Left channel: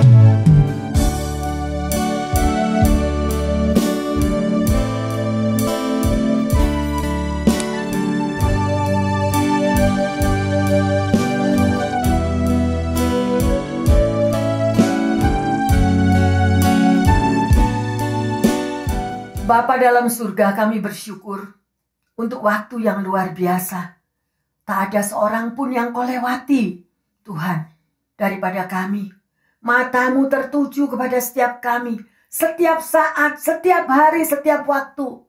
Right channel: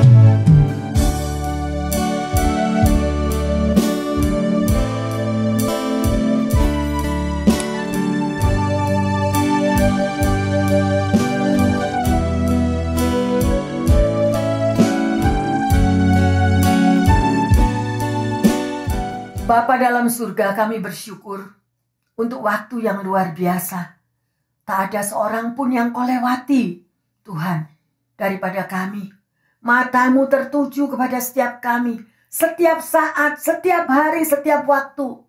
Bapa dalam surga, kami bersyukur untuk waktu yang luar biasa. Tak ada seorang pun yang kau lewati, Tuhan, daripada kami. Matamu tertuju kepada setiap kami, setiap saat, setiap hari, setiap waktu.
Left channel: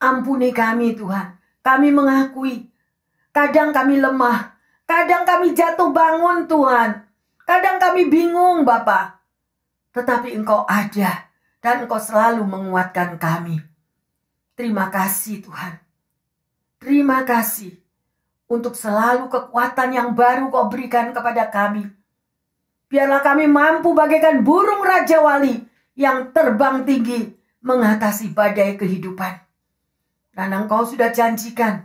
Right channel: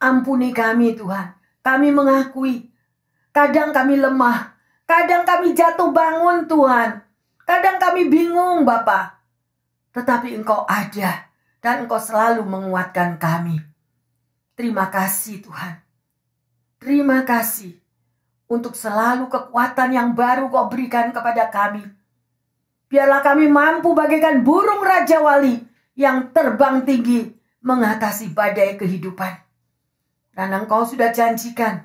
Ampuni kami, Tuhan. Kami mengakui, kadang kami lemah, kadang kami jatuh bangun, Tuhan. Kadang kami bingung, Bapa. Tetapi Engkau ada. Dan Engkau selalu menguatkan kami. Terima kasih Tuhan. Terima kasih untuk selalu kekuatan yang baru Kau berikan kepada kami. Biarlah kami mampu bagaikan burung Raja Wali yang terbang tinggi mengatasi badai kehidupan. Dan Engkau sudah janjikan,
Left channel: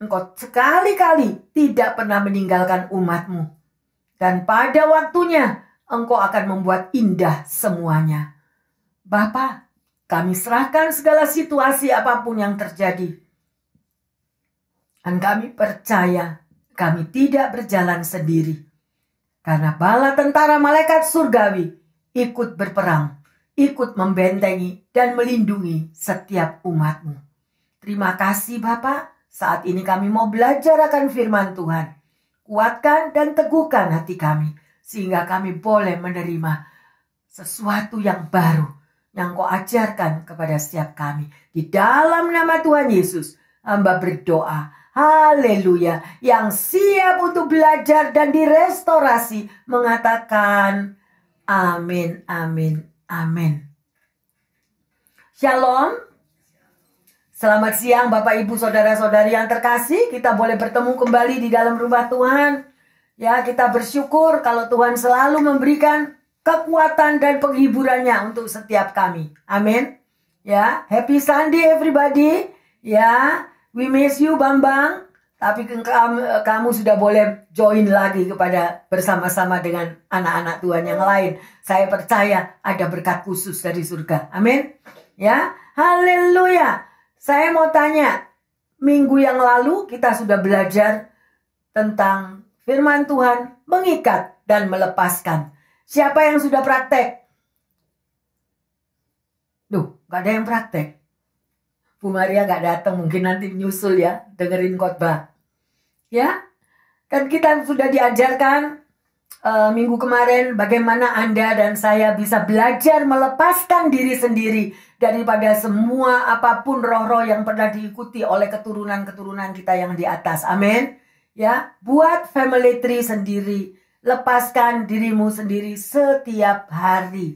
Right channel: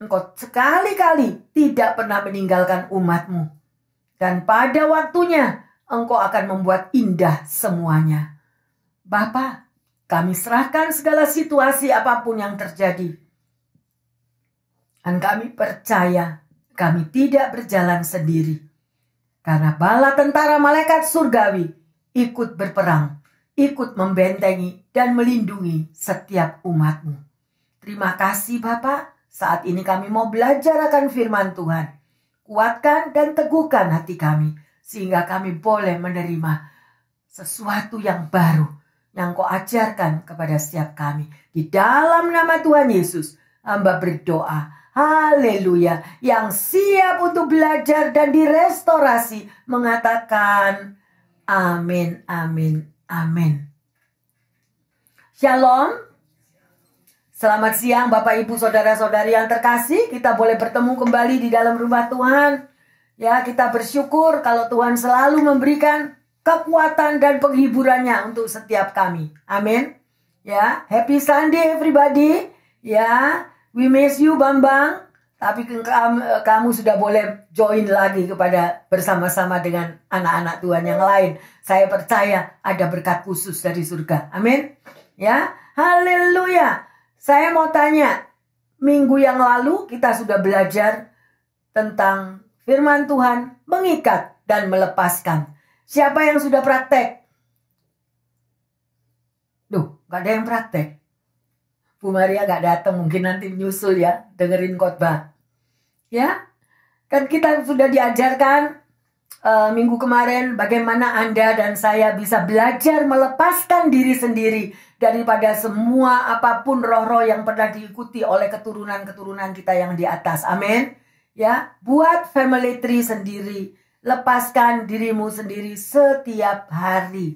Engkau sekali-kali tidak pernah meninggalkan umat-Mu. Dan pada waktunya Engkau akan membuat indah semuanya. Bapa, kami serahkan segala situasi apapun yang terjadi. Dan kami percaya kami tidak berjalan sendiri. Karena bala tentara malaikat surgawi ikut berperang, ikut membentengi dan melindungi setiap umat-Mu. Terima kasih Bapa, saat ini kami mau belajar akan firman Tuhan. Kuatkan dan teguhkan hati kami, sehingga kami boleh menerima sesuatu yang baru yang Kau ajarkan kepada setiap kami. Di dalam nama Tuhan Yesus, hamba berdoa. Haleluya. Yang siap untuk belajar dan direstorasi mengatakan amin, amin, amin. Shalom. Selamat siang Bapak Ibu Saudara-saudari yang terkasih. Kita boleh bertemu kembali di dalam rumah Tuhan. Ya, kita bersyukur kalau Tuhan selalu memberikan kekuatan dan penghiburannya untuk setiap kami. Amin. Ya, happy Sunday everybody. Ya, we miss you Bambang. Tapi kamu sudah boleh join lagi kepada bersama-sama dengan anak-anak Tuhan yang lain. Saya percaya ada berkat khusus dari surga. Amin. Ya, haleluya. Saya mau tanya, minggu yang lalu kita sudah belajar tentang firman Tuhan mengikat dan melepaskan. Siapa yang sudah praktek? Duh, gak ada yang praktek. Bu Maria gak datang, mungkin nanti nyusul ya, dengerin khotbah. Ya, kan kita sudah diajarkan minggu kemarin bagaimana Anda dan saya bisa belajar melepaskan diri sendiri daripada semua apapun roh-roh yang pernah diikuti oleh keturunan-keturunan kita yang di atas. Amin. Ya, buat family tree sendiri. Lepaskan dirimu sendiri setiap hari.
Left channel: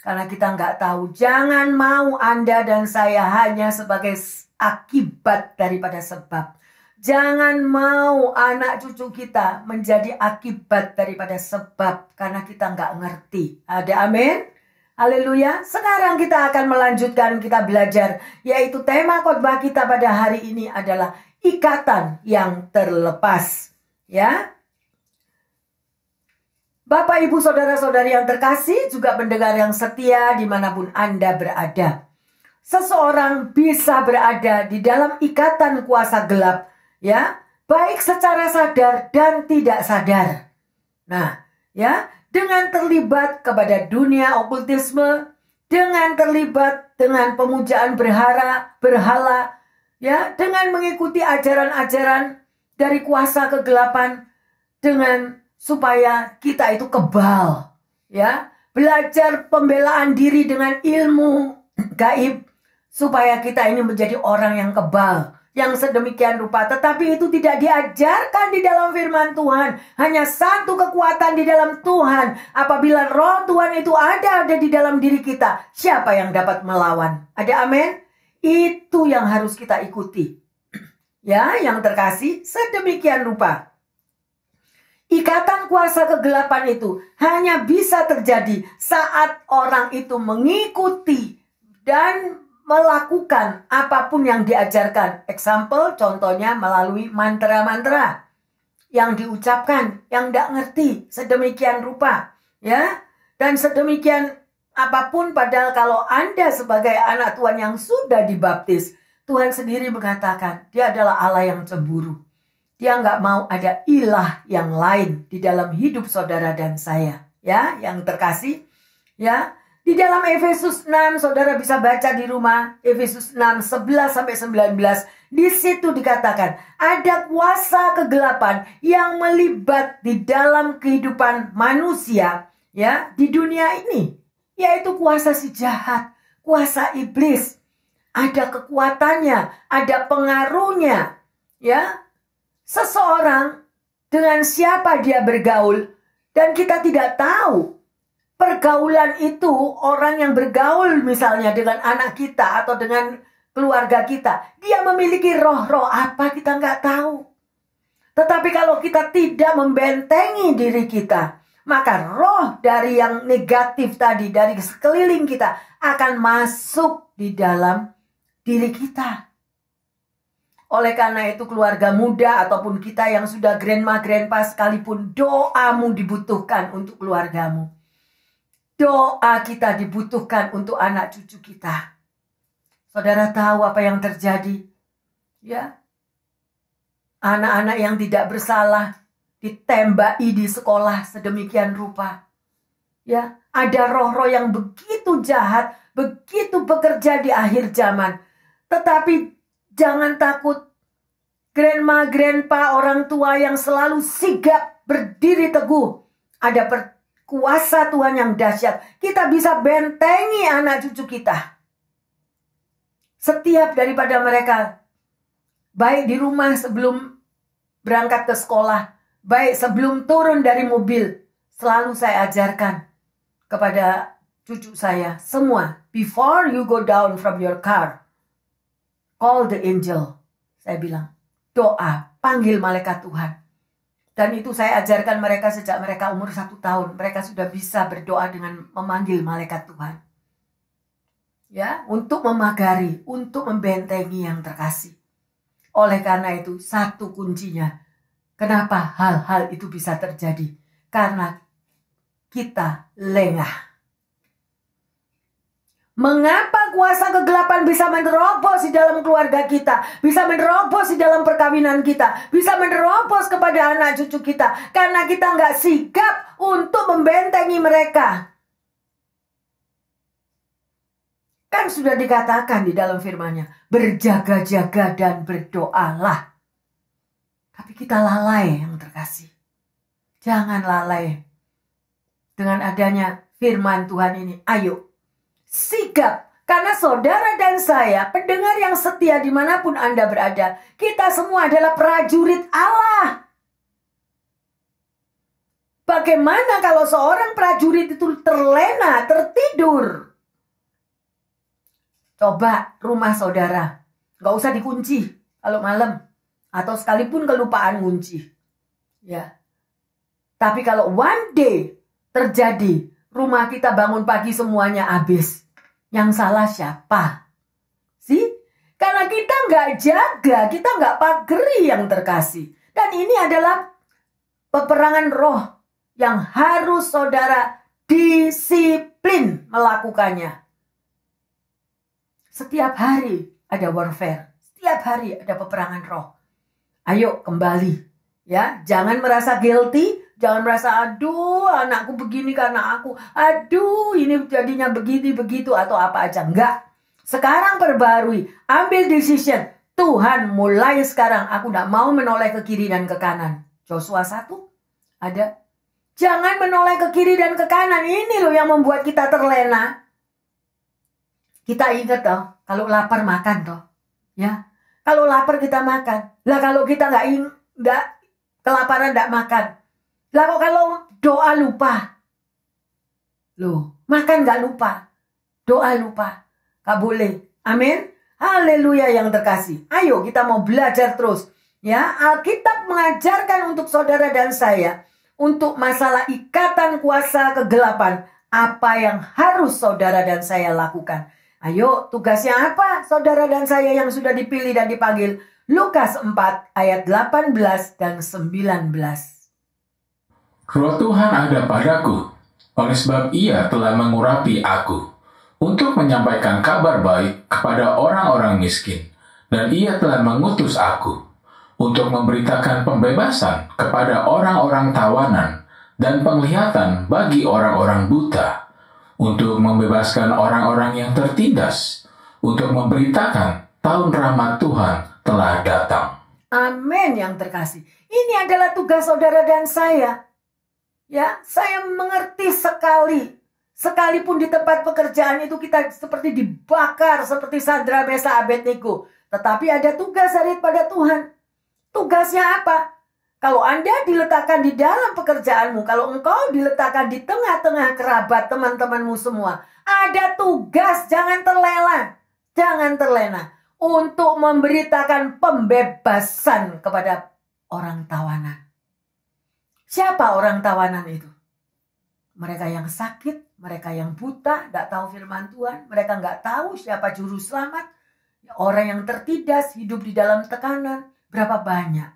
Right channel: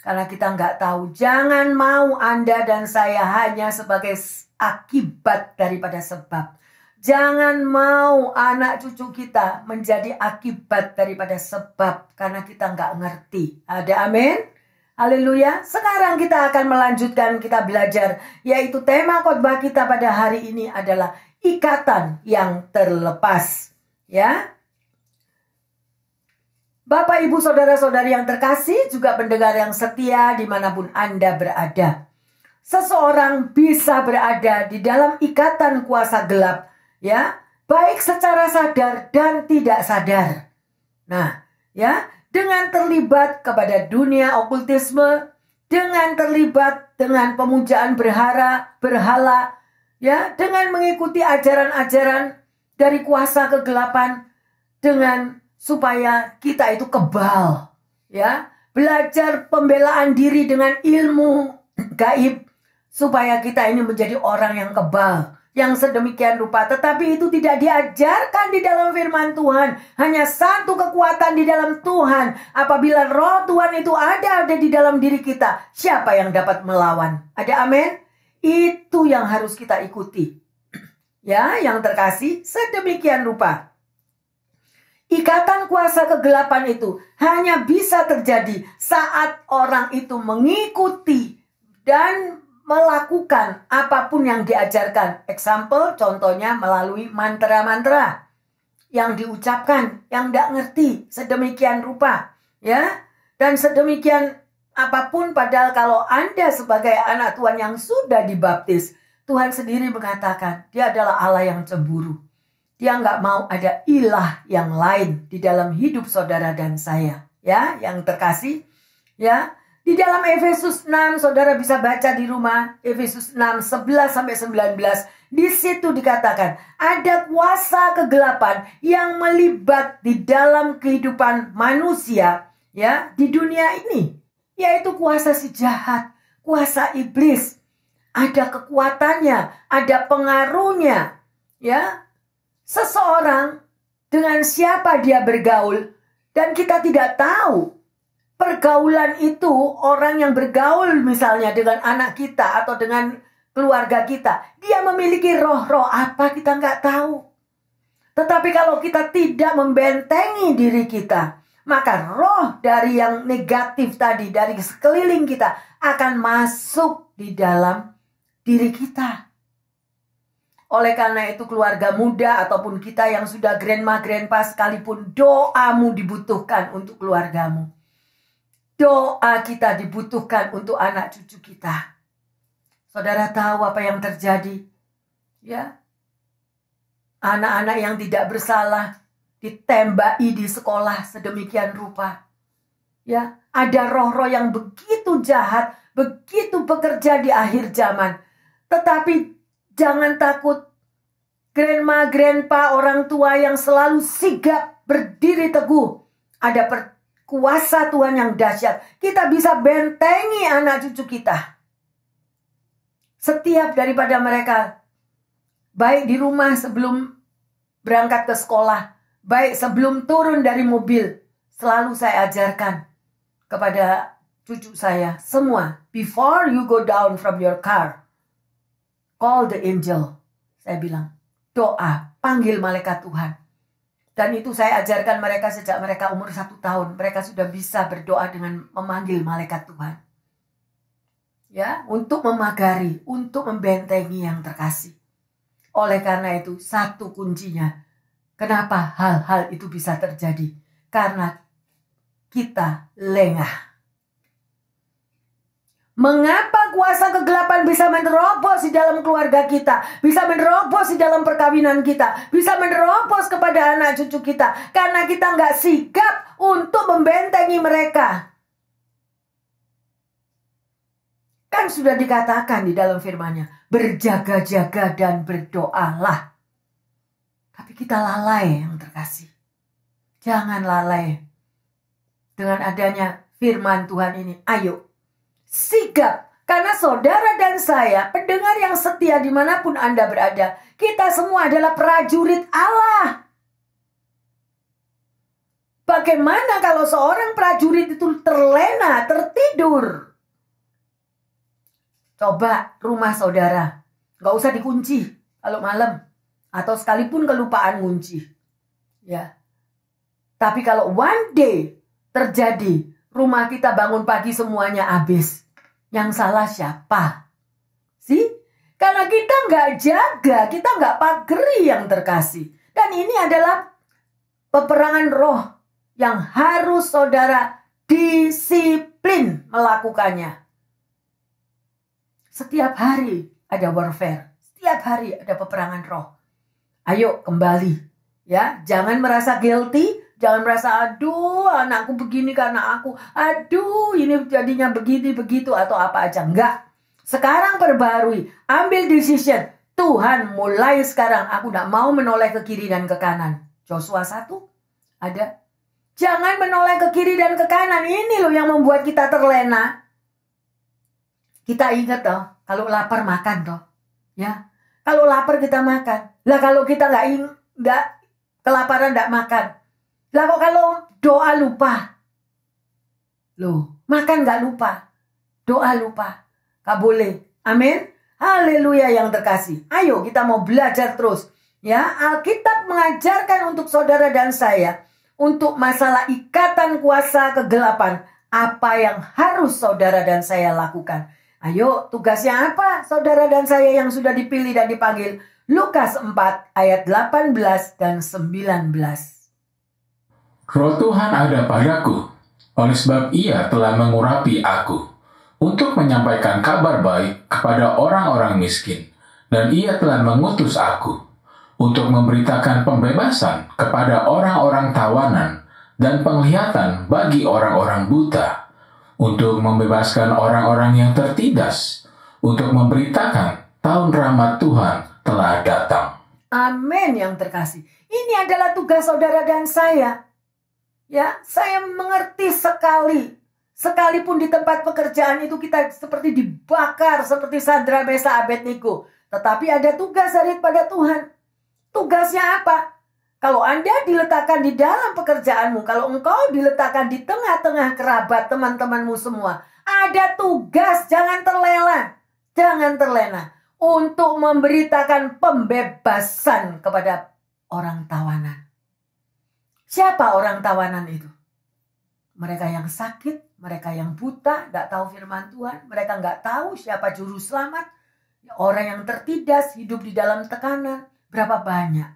Karena kita nggak tahu. Jangan mau Anda dan saya hanya sebagai akibat daripada sebab. Jangan mau anak cucu kita menjadi akibat daripada sebab. Karena kita nggak ngerti. Ada amin? Haleluya. Sekarang kita akan melanjutkan, kita belajar. Yaitu tema khotbah kita pada hari ini adalah ikatan yang terlepas. Ya. Bapak, Ibu, Saudara-saudari yang terkasih, juga pendengar yang setia dimanapun Anda berada. Seseorang bisa berada di dalam ikatan kuasa gelap, ya, baik secara sadar dan tidak sadar. Nah, ya, dengan terlibat kepada dunia okultisme, dengan terlibat dengan pemujaan berhala, ya, dengan mengikuti ajaran-ajaran dari kuasa kegelapan, dengan supaya kita itu kebal, ya, belajar pembelaan diri dengan ilmu gaib, supaya kita ini menjadi orang yang kebal, yang sedemikian rupa. Tetapi itu tidak diajarkan di dalam firman Tuhan. Hanya satu kekuatan di dalam Tuhan. Apabila roh Tuhan itu ada di dalam diri kita, siapa yang dapat melawan? Ada amin? Itu yang harus kita ikuti. Ya, yang terkasih, sedemikian rupa. Ikatan kuasa kegelapan itu hanya bisa terjadi saat orang itu mengikuti dan melakukan apapun yang diajarkan. Example, contohnya melalui mantra-mantra yang diucapkan, yang tidak ngerti sedemikian rupa. Ya, dan sedemikian apapun, padahal kalau Anda sebagai anak Tuhan yang sudah dibaptis, Tuhan sendiri mengatakan dia adalah Allah yang cemburu. Dia nggak mau ada ilah yang lain di dalam hidup saudara dan saya. Ya, yang terkasih. Ya, di dalam Efesus 6, saudara bisa baca di rumah. Efesus 6, 11-19. Di situ dikatakan ada kuasa kegelapan yang melibat di dalam kehidupan manusia. Ya, di dunia ini. Yaitu kuasa si jahat, kuasa iblis. Ada kekuatannya, ada pengaruhnya. Ya, seseorang dengan siapa dia bergaul dan kita tidak tahu. Pergaulan itu, orang yang bergaul misalnya dengan anak kita atau dengan keluarga kita, dia memiliki roh-roh apa kita nggak tahu. Tetapi kalau kita tidak membentengi diri kita, maka roh dari yang negatif tadi, dari sekeliling kita akan masuk di dalam diri kita. Oleh karena itu keluarga muda ataupun kita yang sudah grandma, grandpa sekalipun, doamu dibutuhkan untuk keluargamu. Doa kita dibutuhkan untuk anak cucu kita. Saudara tahu apa yang terjadi? Ya, anak-anak yang tidak bersalah ditembaki di sekolah sedemikian rupa. Ya, ada roh-roh yang begitu jahat, begitu bekerja di akhir zaman. Tetapi jangan takut. Grandma, grandpa, orang tua yang selalu sigap berdiri teguh. Ada kuasa Tuhan yang dahsyat. Kita bisa bentengi anak cucu kita. Setiap daripada mereka, baik di rumah sebelum berangkat ke sekolah, baik sebelum turun dari mobil, selalu saya ajarkan kepada cucu saya semua. Before you go down from your car, call the angel. Saya bilang, doa, panggil malaikat Tuhan. Dan itu saya ajarkan mereka sejak mereka umur 1 tahun. Mereka sudah bisa berdoa dengan memanggil malaikat Tuhan. Ya, untuk memagari, untuk membentengi yang terkasih. Oleh karena itu, satu kuncinya. Kenapa hal-hal itu bisa terjadi? Karena kita lengah. Mengapa kuasa kegelapan bisa menerobos di dalam keluarga kita? Bisa menerobos di dalam perkawinan kita? Bisa menerobos kepada anak cucu kita? Karena kita nggak sigap untuk membentengi mereka. Kan sudah dikatakan di dalam firman-Nya, berjaga-jaga dan berdoalah. Tapi kita lalai yang terkasih. Jangan lalai. Dengan adanya firman Tuhan ini, ayo. Sigap, karena saudara dan saya, pendengar yang setia dimanapun Anda berada, kita semua adalah prajurit Allah. Bagaimana kalau seorang prajurit itu terlena, tertidur? Coba rumah saudara, gak usah dikunci kalau malam, atau sekalipun kelupaan kunci. Ya. Tapi kalau one day terjadi, rumah kita bangun pagi semuanya habis. Yang salah siapa? Sih? Karena kita nggak jaga, kita nggak pageri yang terkasih. Dan ini adalah peperangan roh yang harus saudara disiplin melakukannya. Setiap hari ada warfare. Setiap hari ada peperangan roh. Ayo kembali. Ya, jangan merasa guilty. Jangan merasa, aduh anakku begini karena aku. Aduh ini jadinya begini, begitu atau apa aja. Enggak. Sekarang perbarui. Ambil decision. Tuhan mulai sekarang aku tidak mau menoleh ke kiri dan ke kanan. Joshua 1 ada. Jangan menoleh ke kiri dan ke kanan. Ini loh yang membuat kita terlena. Kita ingat toh. Kalau lapar makan toh. Ya. Kalau lapar kita makan. Lah kalau kita nggak kelaparan nggak makan. Lah kok kalau doa lupa? Loh, makan gak lupa. Doa lupa. Gak boleh. Amin. Haleluya yang terkasih. Ayo kita mau belajar terus. Ya, Alkitab mengajarkan untuk saudara dan saya. Untuk masalah ikatan kuasa kegelapan. Apa yang harus saudara dan saya lakukan. Ayo, tugasnya apa saudara dan saya yang sudah dipilih dan dipanggil? Lukas 4 ayat 18 dan 19. Roh Tuhan ada padaku, Oleh sebab ia telah mengurapi aku untuk menyampaikan kabar baik kepada orang-orang miskin, dan ia telah mengutus aku untuk memberitakan pembebasan kepada orang-orang tawanan dan penglihatan bagi orang-orang buta, untuk membebaskan orang-orang yang tertindas, untuk memberitakan tahun rahmat Tuhan telah datang. Amin yang terkasih. Ini adalah tugas saudara dan saya. Ya, saya mengerti sekali. Sekalipun di tempat pekerjaan itu kita seperti dibakar, seperti Sadra, Mesa, Abednego. Tetapi ada tugas daripada Tuhan. Tugasnya apa? Kalau Anda diletakkan di dalam pekerjaanmu, kalau engkau diletakkan di tengah-tengah kerabat teman-temanmu semua, ada tugas, jangan terlena. Jangan terlena untuk memberitakan pembebasan kepada orang tawanan. Siapa orang tawanan itu? Mereka yang sakit, mereka yang buta, gak tahu firman Tuhan, mereka gak tahu siapa juru selamat, orang yang tertindas, hidup di dalam tekanan. Berapa banyak?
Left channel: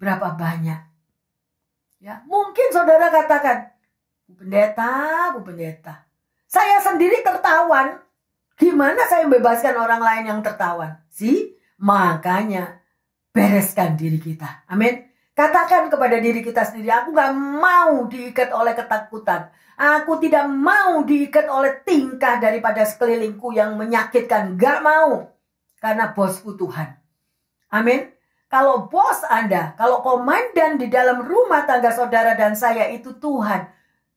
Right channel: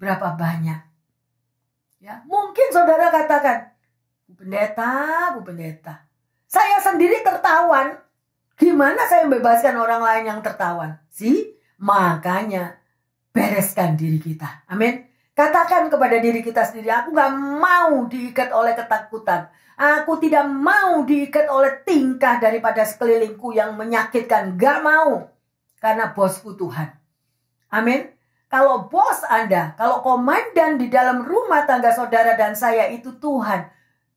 Berapa banyak? Ya, mungkin saudara katakan, Bu Pendeta, saya sendiri tertawan. Gimana saya membebaskan orang lain yang tertawan? Makanya bereskan diri kita. Amin. Katakan kepada diri kita sendiri, aku gak mau diikat oleh ketakutan. Aku tidak mau diikat oleh tingkah daripada sekelilingku yang menyakitkan. Gak mau. Karena bosku Tuhan. Amin. Kalau bos Anda, kalau komandan di dalam rumah tangga saudara dan saya itu Tuhan.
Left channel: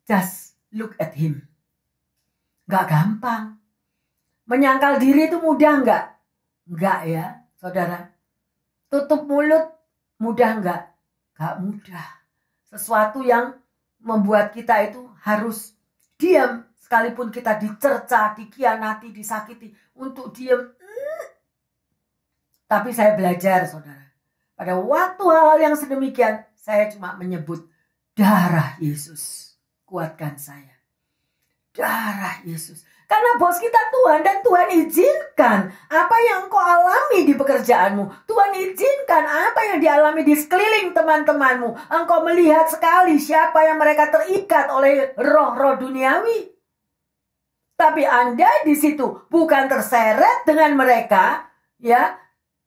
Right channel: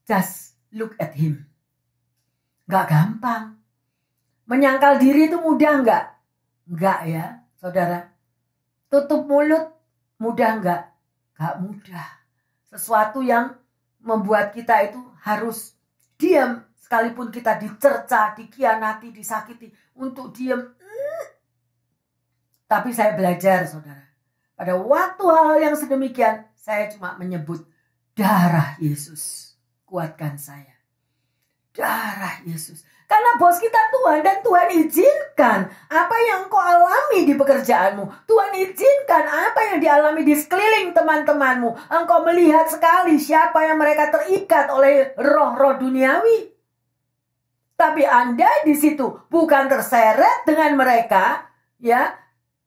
Just look at him. Gak gampang. Menyangkal diri itu mudah gak? Enggak ya saudara. Tutup mulut mudah enggak? Gak mudah. Sesuatu yang membuat kita itu harus diam. Sekalipun kita dicerca, dikhianati, disakiti. Untuk diam. Tapi saya belajar saudara. Pada waktu hal-hal yang sedemikian. Saya cuma menyebut darah Yesus. Kuatkan saya. Darah Yesus. Karena bos kita Tuhan dan Tuhan izinkan apa yang engkau alami di pekerjaanmu. Tuhan izinkan apa yang dialami di sekeliling teman-temanmu. Engkau melihat sekali siapa yang mereka terikat oleh roh-roh duniawi. Tapi Anda di situ bukan terseret dengan mereka. Ya,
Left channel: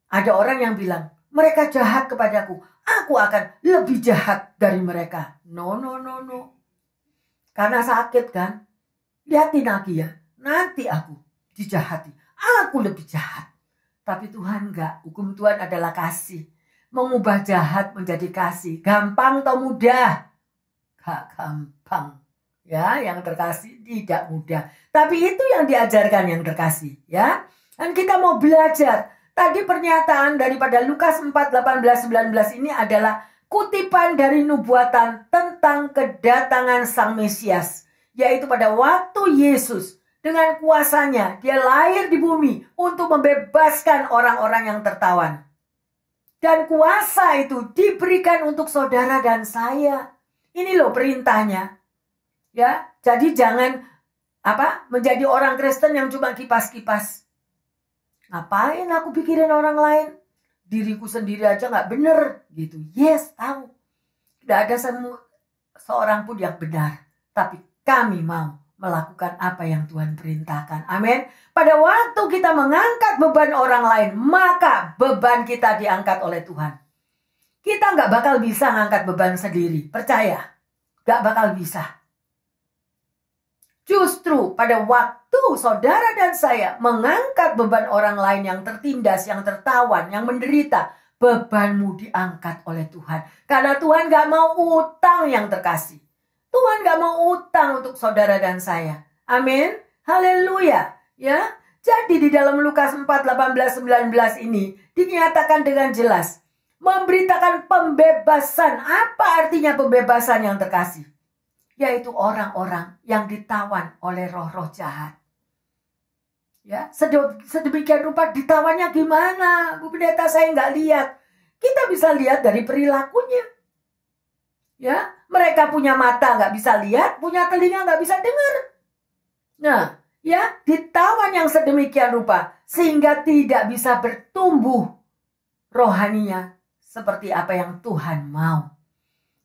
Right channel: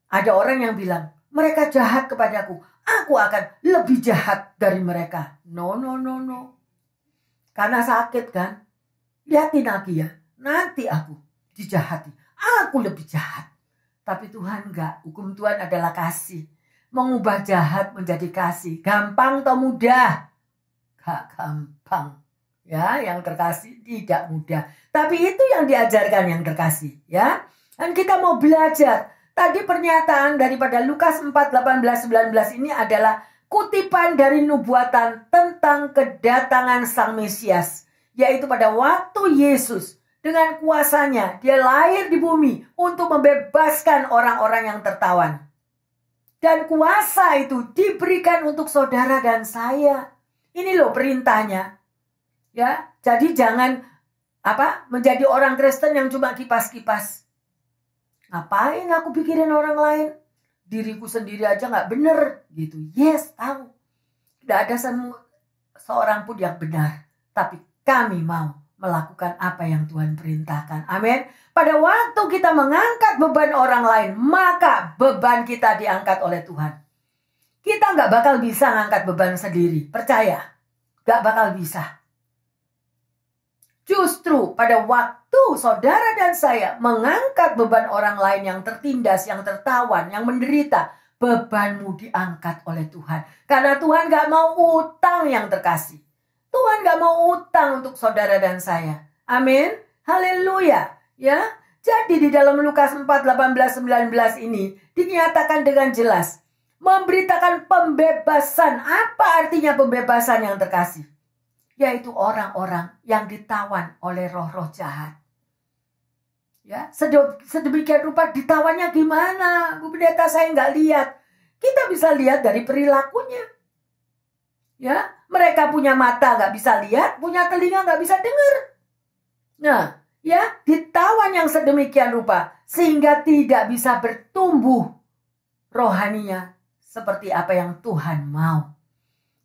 ada orang yang bilang, mereka jahat kepadaku. Aku akan lebih jahat dari mereka. No. Karena sakit kan. Lihatin lagi ya. Nanti aku dijahati. Aku lebih jahat. Tapi Tuhan enggak. Hukum Tuhan adalah kasih. Mengubah jahat menjadi kasih. Gampang atau mudah? Gak gampang. Ya, yang terkasih tidak mudah. Tapi itu yang diajarkan yang terkasih. Ya. Dan kita mau belajar. Tadi pernyataan daripada Lukas 4, 18, 19 ini adalah kutipan dari nubuatan tentang kedatangan Sang Mesias. Yaitu pada waktu Yesus dengan kuasanya dia lahir di bumi untuk membebaskan orang-orang yang tertawan. Dan kuasa itu diberikan untuk saudara dan saya. Ini loh perintahnya. Ya, jadi jangan menjadi orang Kristen yang cuma kipas-kipas. Ngapain aku pikirin orang lain? Diriku sendiri aja gak bener gitu. Yes, tahu. Tidak ada seorang pun yang benar. Tapi kami mau melakukan apa yang Tuhan perintahkan. Amin. Pada waktu kita mengangkat beban orang lain, maka beban kita diangkat oleh Tuhan. Kita gak bakal bisa ngangkat beban sendiri. Percaya. Gak bakal bisa. Justru pada waktu saudara dan saya mengangkat beban orang lain yang tertindas, yang tertawan, yang menderita, bebanmu diangkat oleh Tuhan. Karena Tuhan gak mau utang yang terkasih. Tuhan gak mau utang untuk saudara dan saya. Amin. Haleluya. Ya. Jadi di dalam Lukas 4, 18, 19 ini dinyatakan dengan jelas. Memberitakan pembebasan. Apa artinya pembebasan yang terkasih? Yaitu orang-orang yang ditawan oleh roh-roh jahat. Ya, sedemikian rupa ditawannya gimana? Bu Pendeta, saya nggak lihat. Kita bisa lihat dari perilakunya. Ya, mereka punya mata nggak bisa lihat, punya telinga nggak bisa dengar. Nah, ya, ditawan yang sedemikian rupa sehingga tidak bisa bertumbuh rohaninya seperti apa yang Tuhan mau.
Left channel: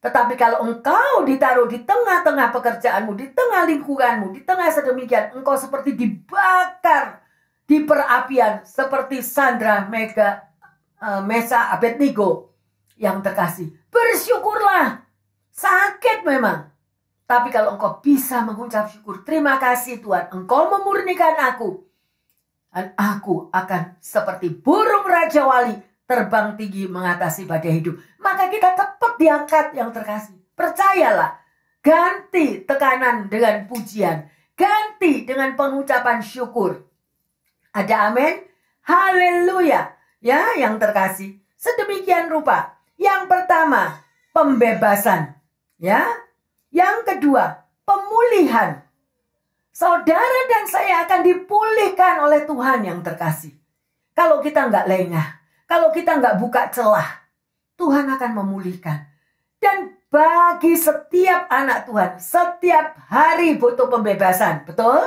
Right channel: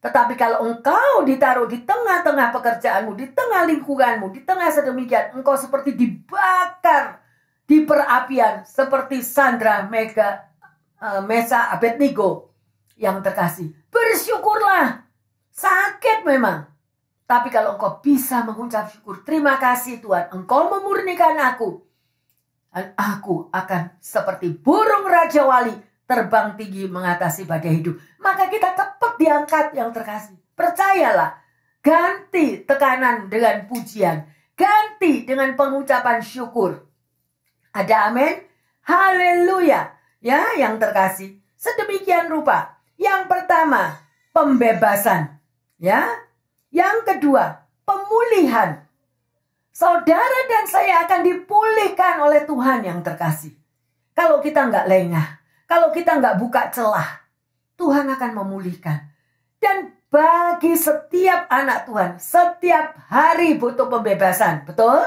Tetapi kalau engkau ditaruh di tengah-tengah pekerjaanmu, di tengah lingkunganmu, di tengah sedemikian, engkau seperti dibakar di perapian seperti Sandra, Mesa, Abednego yang terkasih. Bersyukurlah. Sakit memang. Tapi kalau engkau bisa mengucap syukur, terima kasih Tuhan, engkau memurnikan aku. Dan aku akan seperti burung Raja Wali terbang tinggi mengatasi badai hidup. Maka kita cepat diangkat yang terkasih. Percayalah. Ganti tekanan dengan pujian. Ganti dengan pengucapan syukur. Ada amin? Haleluya. Ya, yang terkasih. Sedemikian rupa. Yang pertama, pembebasan. Ya. Yang kedua, pemulihan. Saudara dan saya akan dipulihkan oleh Tuhan yang terkasih. Kalau kita nggak lengah. Kalau kita nggak buka celah, Tuhan akan memulihkan. Dan bagi setiap anak Tuhan, setiap hari butuh pembebasan. Betul?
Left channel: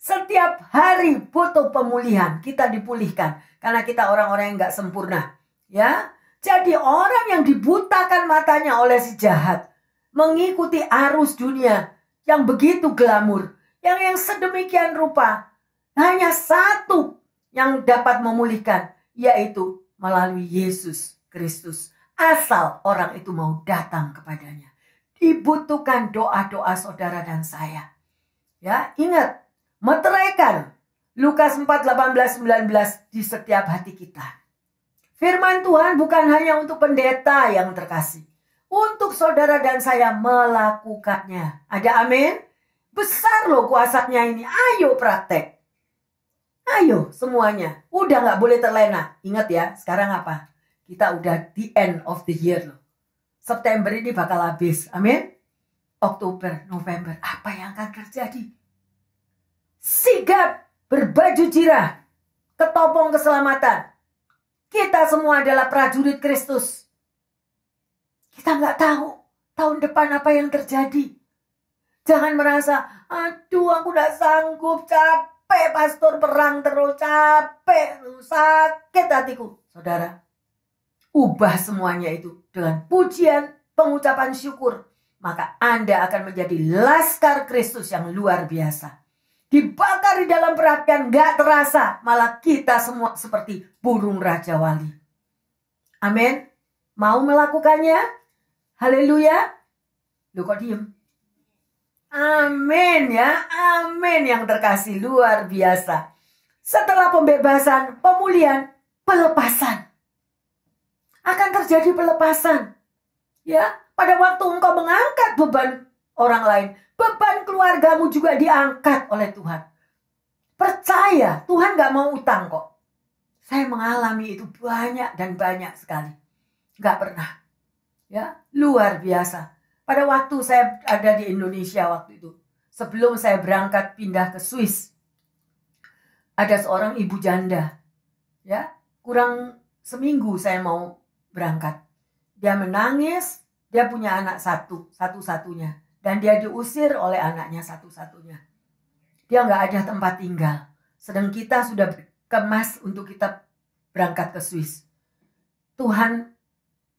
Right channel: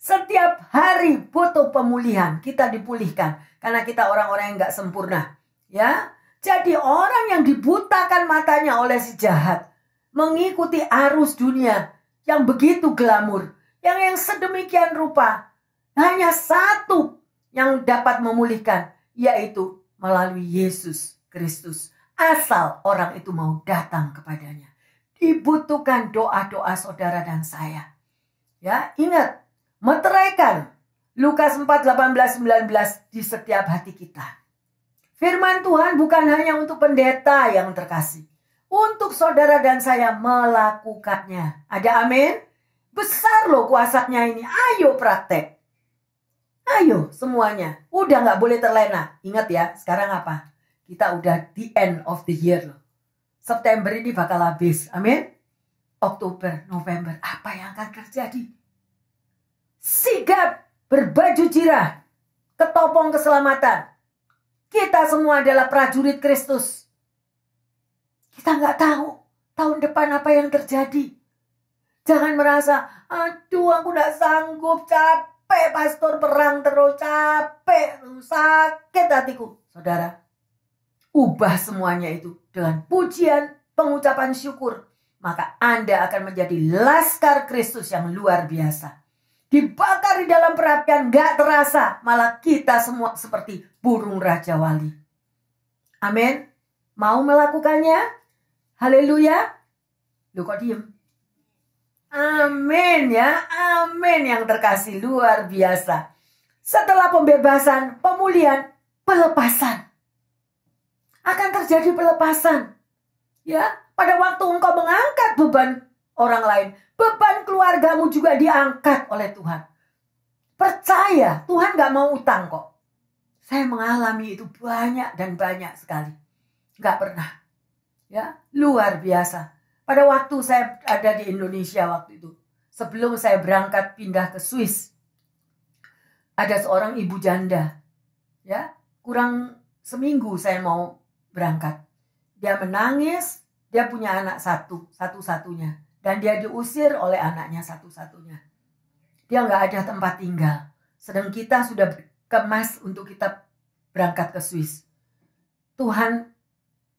Setiap hari butuh pemulihan. Kita dipulihkan. Karena kita orang-orang yang nggak sempurna. Ya, jadi orang yang dibutakan matanya oleh si jahat. Mengikuti arus dunia yang begitu glamur. Yang sedemikian rupa. Hanya satu yang dapat memulihkan. Yaitu melalui Yesus Kristus. Asal orang itu mau datang kepadanya. Dibutuhkan doa-doa saudara dan saya. Ya, ingat. Meteraikan Lukas 4, 18, 19 di setiap hati kita. Firman Tuhan bukan hanya untuk pendeta yang terkasih. Untuk saudara dan saya melakukannya. Ada amin? Besar loh kuasanya ini. Ayo praktek. Ayo semuanya. Udah gak boleh terlena. Ingat ya, sekarang apa? Kita udah the end of the year loh. September ini bakal habis. Amin? Oktober, November. Apa yang akan terjadi? Sigap berbaju jirah. Ketopong keselamatan. Kita semua adalah prajurit Kristus. Kita gak tahu tahun depan apa yang terjadi. Jangan merasa, aduh aku gak sanggup, capek pastor perang terus, capek, sakit hatiku. Saudara, ubah semuanya itu dengan pujian, pengucapan syukur. Maka Anda akan menjadi laskar Kristus yang luar biasa. Dibakar di dalam perapian gak terasa. Malah kita semua seperti burung Raja Wali. Amin. Mau melakukannya? Haleluya. Lu kok diem? Amin ya, amin yang terkasih, luar biasa. Setelah pembebasan, pemulihan, pelepasan. Akan terjadi pelepasan. Ya, pada waktu engkau mengangkat beban orang lain, beban keluargamu juga diangkat oleh Tuhan. Percaya, Tuhan gak mau utang kok. Saya mengalami itu banyak dan banyak sekali. Gak pernah. Ya, luar biasa. Pada waktu saya ada di Indonesia waktu itu. Sebelum saya berangkat pindah ke Swiss. Ada seorang ibu janda. Ya, kurang seminggu saya mau berangkat. Dia menangis. Dia punya anak satu-satunya. Dan dia diusir oleh anaknya satu-satunya. Dia nggak ada tempat tinggal. Sedang kita sudah kemas untuk kita berangkat ke Swiss. Tuhan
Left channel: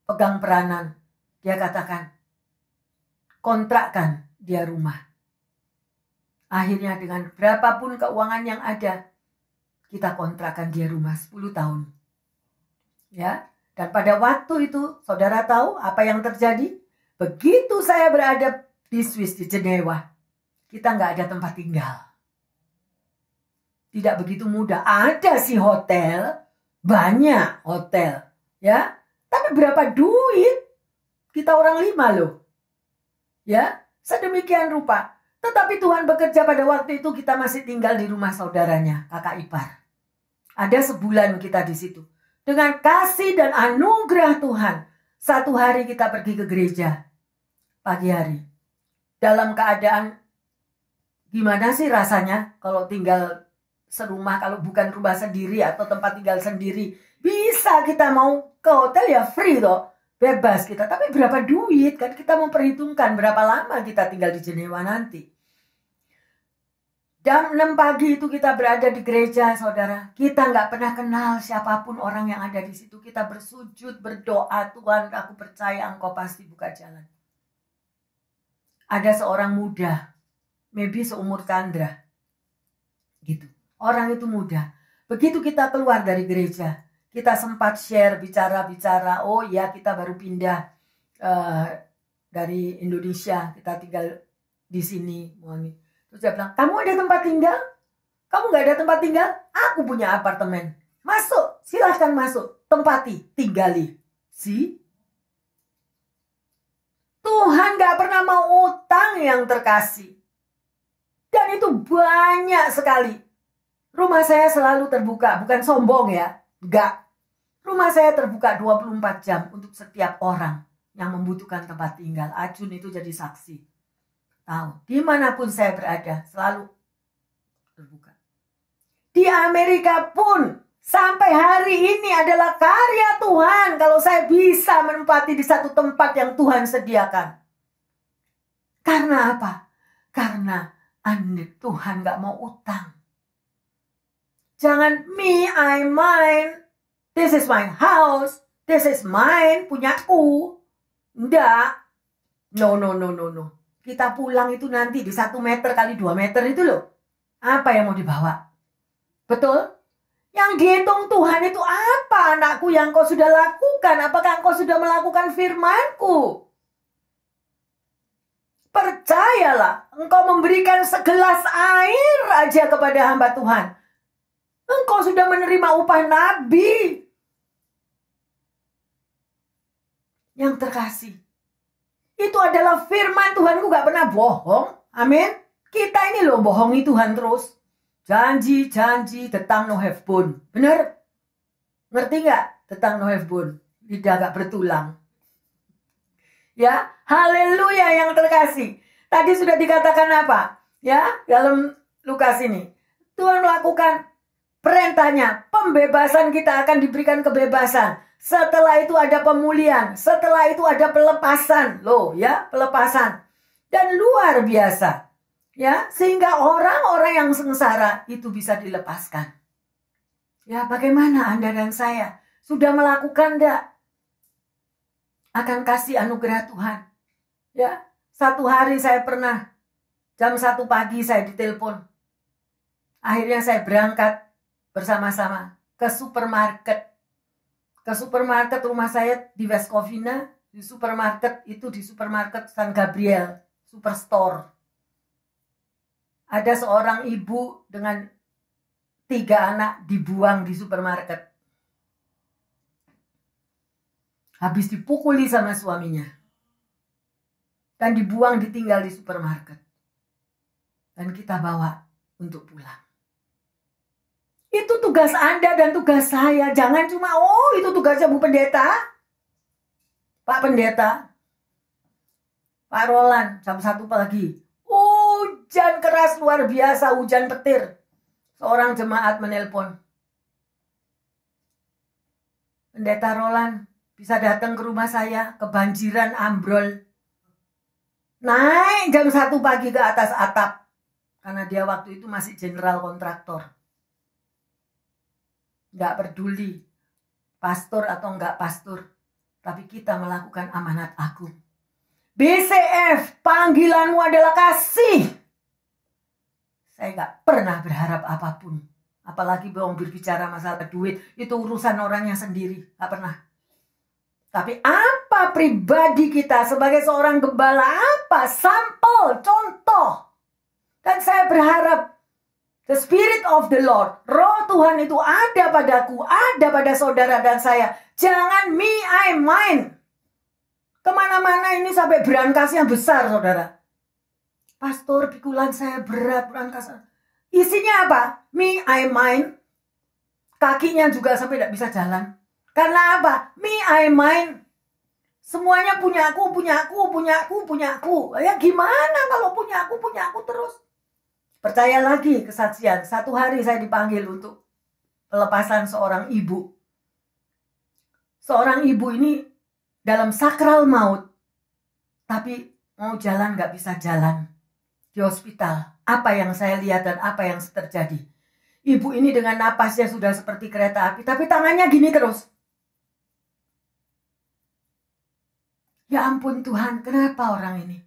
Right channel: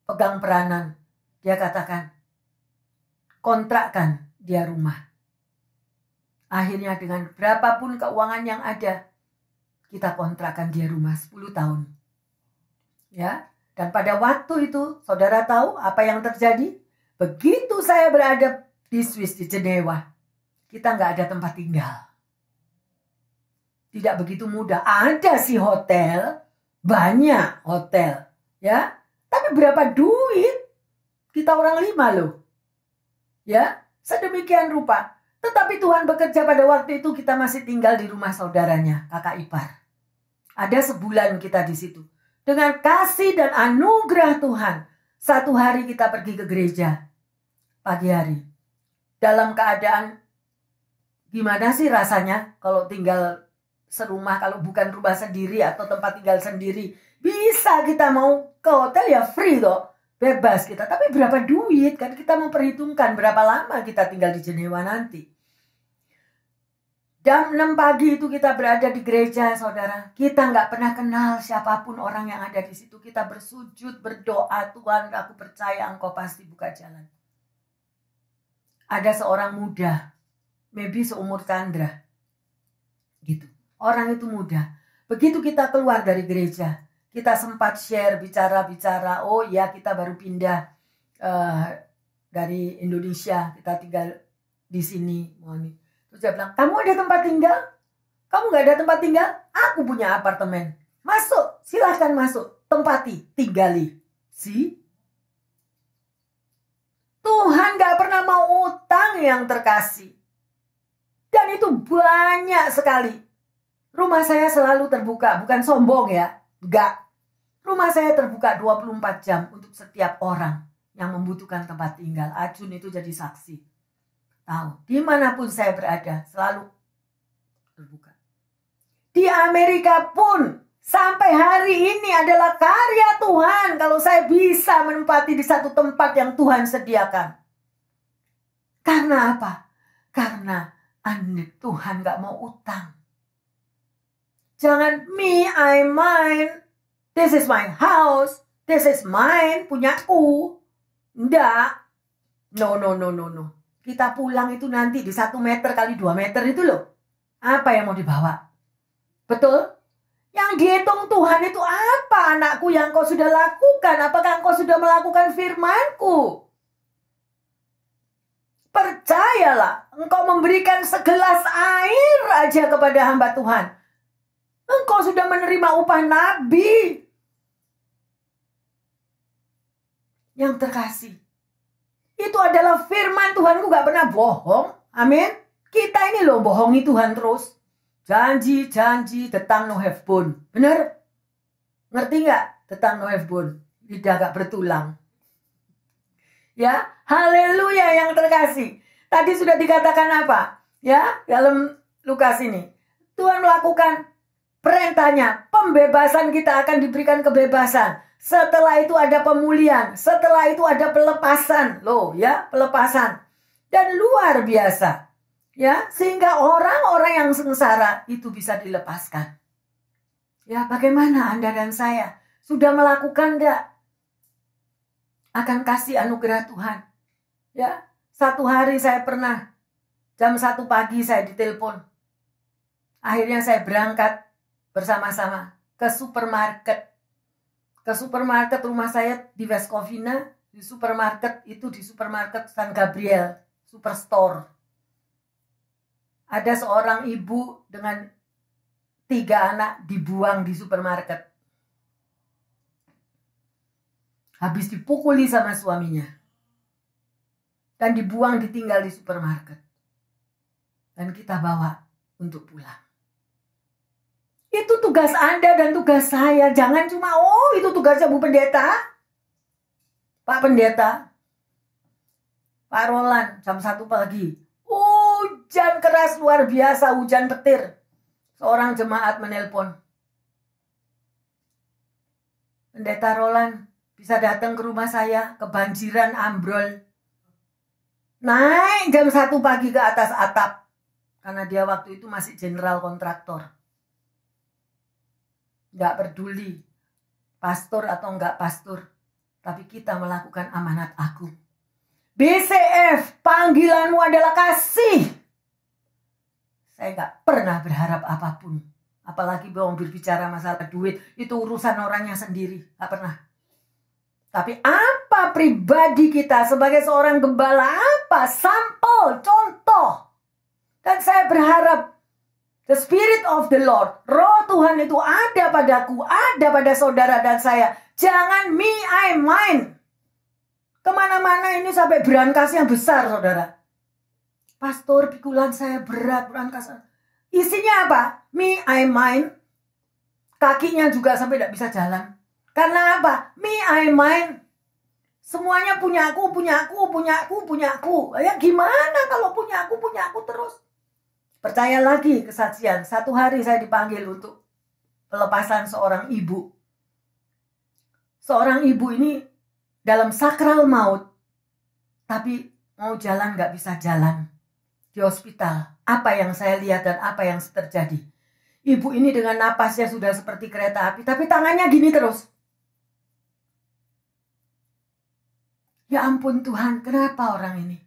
pegang peranan. Dia katakan, kontrakkan dia rumah. Akhirnya dengan berapapun keuangan yang ada, kita kontrakkan dia rumah 10 tahun. Ya, dan pada waktu itu, saudara tahu apa yang terjadi? Begitu saya berada di Swiss, di Jenewa, kita nggak ada tempat tinggal. Tidak begitu mudah. Ada sih hotel, banyak hotel, ya. Tapi berapa duit? Kita orang 5 loh. Ya, sedemikian rupa. Tetapi Tuhan bekerja pada waktu itu kita masih tinggal di rumah saudaranya, kakak ipar. Ada sebulan kita di situ. Dengan kasih dan anugerah Tuhan, satu hari kita pergi ke gereja pagi hari. Dalam keadaan gimana sih rasanya kalau tinggal serumah, kalau bukan rumah sendiri atau tempat tinggal sendiri. Bisa kita mau ke hotel ya free toh. Bebas kita, tapi berapa duit kan kita memperhitungkan berapa lama kita tinggal di Jenewa nanti. Jam 6 pagi itu kita berada di gereja, saudara. Kita nggak pernah kenal siapapun orang yang ada di situ. Kita bersujud, berdoa, Tuhan aku percaya engkau pasti buka jalan. Ada seorang muda, maybe seumur Chandra. Gitu. Orang itu muda. Begitu kita keluar dari gereja, kita sempat share, bicara-bicara, oh ya kita baru pindah dari Indonesia, kita tinggal di sini. Terus dia bilang, kamu ada tempat tinggal? Kamu gak ada tempat tinggal? Aku punya apartemen. Masuk, silahkan masuk. Tempati, tinggali. Tuhan gak pernah mau utang yang terkasih. Dan itu banyak sekali. Rumah saya selalu terbuka, bukan sombong ya. Enggak. Rumah saya terbuka 24 jam untuk setiap orang yang membutuhkan tempat tinggal. Ajun itu jadi saksi. Tahu, dimanapun saya berada, selalu terbuka. Di Amerika pun, sampai hari ini adalah karya Tuhan. Kalau saya bisa menempati di satu tempat yang Tuhan sediakan. Karena apa? Karena Tuhan gak mau utang. Jangan me, I, mine. This is my house. This is mine, punyaku. Enggak. No. Kita pulang itu nanti di 1 meter kali 2 meter itu loh. Apa yang mau dibawa? Betul? Yang dihitung Tuhan itu apa, anakku, yang kau sudah lakukan? Apakah engkau sudah melakukan firman-Ku? Percayalah, engkau memberikan segelas air aja kepada hamba Tuhan. Engkau sudah menerima upah nabi. Yang terkasih. Itu adalah firman Tuhan, gak pernah bohong. Amin. Kita ini loh bohongi Tuhan terus. Janji, tetang no have bone. Bener? Ngerti gak? Tetang no have bone. Lidah gak bertulang. Ya, haleluya yang terkasih. Tadi sudah dikatakan apa? Ya, dalam Lukas ini. Tuhan melakukan perintahnya. Pembebasan, kita akan diberikan kebebasan. Setelah itu ada pemulihan. Setelah itu ada pelepasan. Loh ya, pelepasan. Dan luar biasa. Ya, sehingga orang-orang yang sengsara itu bisa dilepaskan. Ya, bagaimana Anda dan saya? Sudah melakukan enggak? Akan kasih anugerah Tuhan. Ya, satu hari saya pernah jam 1 pagi saya ditelepon. Akhirnya saya berangkat bersama-sama ke supermarket. Ke supermarket rumah saya di West Covina. Di supermarket itu di supermarket San Gabriel Superstore. Ada seorang ibu dengan 3 anak dibuang di supermarket. Habis dipukuli sama suaminya. Dan dibuang, ditinggal di supermarket. Dan kita bawa untuk pulang. Itu tugas Anda dan tugas saya. Jangan cuma, oh itu tugasnya Bu Pendeta. Pak Pendeta. Pak Roland, jam 1 pagi. Hujan keras luar biasa, hujan petir. Seorang jemaat menelpon. Pendeta Roland, bisa datang ke rumah saya, kebanjiran ambrol. Naik jam 1 pagi ke atas atap. Karena dia waktu itu masih general kontraktor. Nggak peduli pastor atau nggak pastor. Tapi kita melakukan amanat agung. BCF, panggilanmu adalah kasih. Saya nggak pernah berharap apapun. Apalagi berbicara masalah duit. Itu urusan orangnya sendiri. Nggak pernah. Tapi apa pribadi kita sebagai seorang gembala? Apa? Sampel, contoh. Dan saya berharap the Spirit of the Lord, Roh Tuhan itu ada padaku, ada pada saudara dan saya. Jangan me, I, mine. Kemana-mana ini sampai berangkasnya besar, saudara. Pastor, pikulan saya berat, berangkas. Isinya apa? Me, I, mine. Kakinya juga sampai tidak bisa jalan. Karena apa? Me, I, mine. Semuanya punyaku. Ya gimana kalau punyaku terus? Percaya lagi kesaksian. Satu hari saya dipanggil untuk pelepasan seorang ibu. Seorang ibu ini dalam sakral maut. Tapi mau jalan gak bisa jalan. Di hospital. Apa yang saya lihat dan apa yang terjadi. Ibu ini dengan napasnya sudah seperti kereta api. Tapi tangannya gini terus. Ya ampun Tuhan, kenapa orang ini?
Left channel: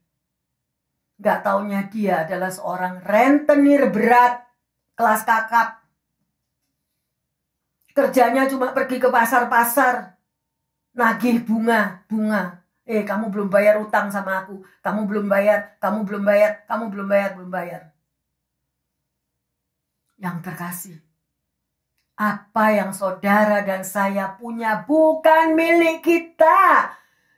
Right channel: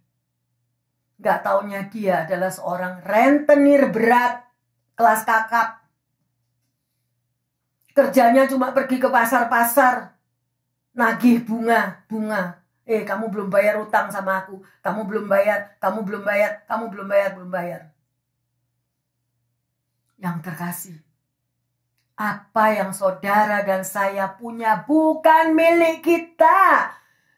Gak taunya dia adalah seorang rentenir berat kelas kakap. Kerjanya cuma pergi ke pasar-pasar, nagih bunga. Kamu belum bayar utang sama aku. Kamu belum bayar. Yang terkasih, apa yang saudara dan saya punya bukan milik kita.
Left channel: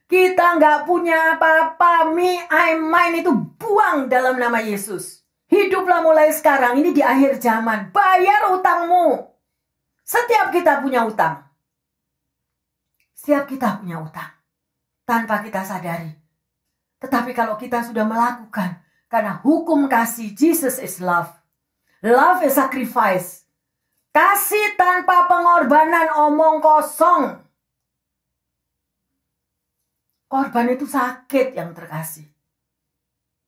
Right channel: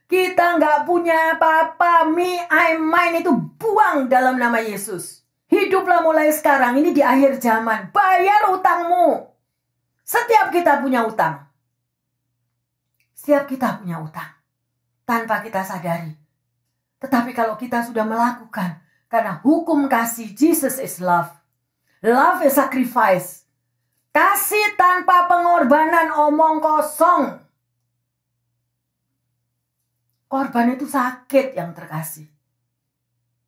Kita nggak punya apa-apa. Me, I, mine itu buang dalam nama Yesus. Hiduplah mulai sekarang. Ini di akhir zaman. Bayar utangmu. Setiap kita punya utang. Tanpa kita sadari. Tetapi kalau kita sudah melakukan. Karena hukum kasih, Jesus is love. Love is sacrifice. Kasih tanpa pengorbanan, omong kosong. Korban itu sakit yang terkasih.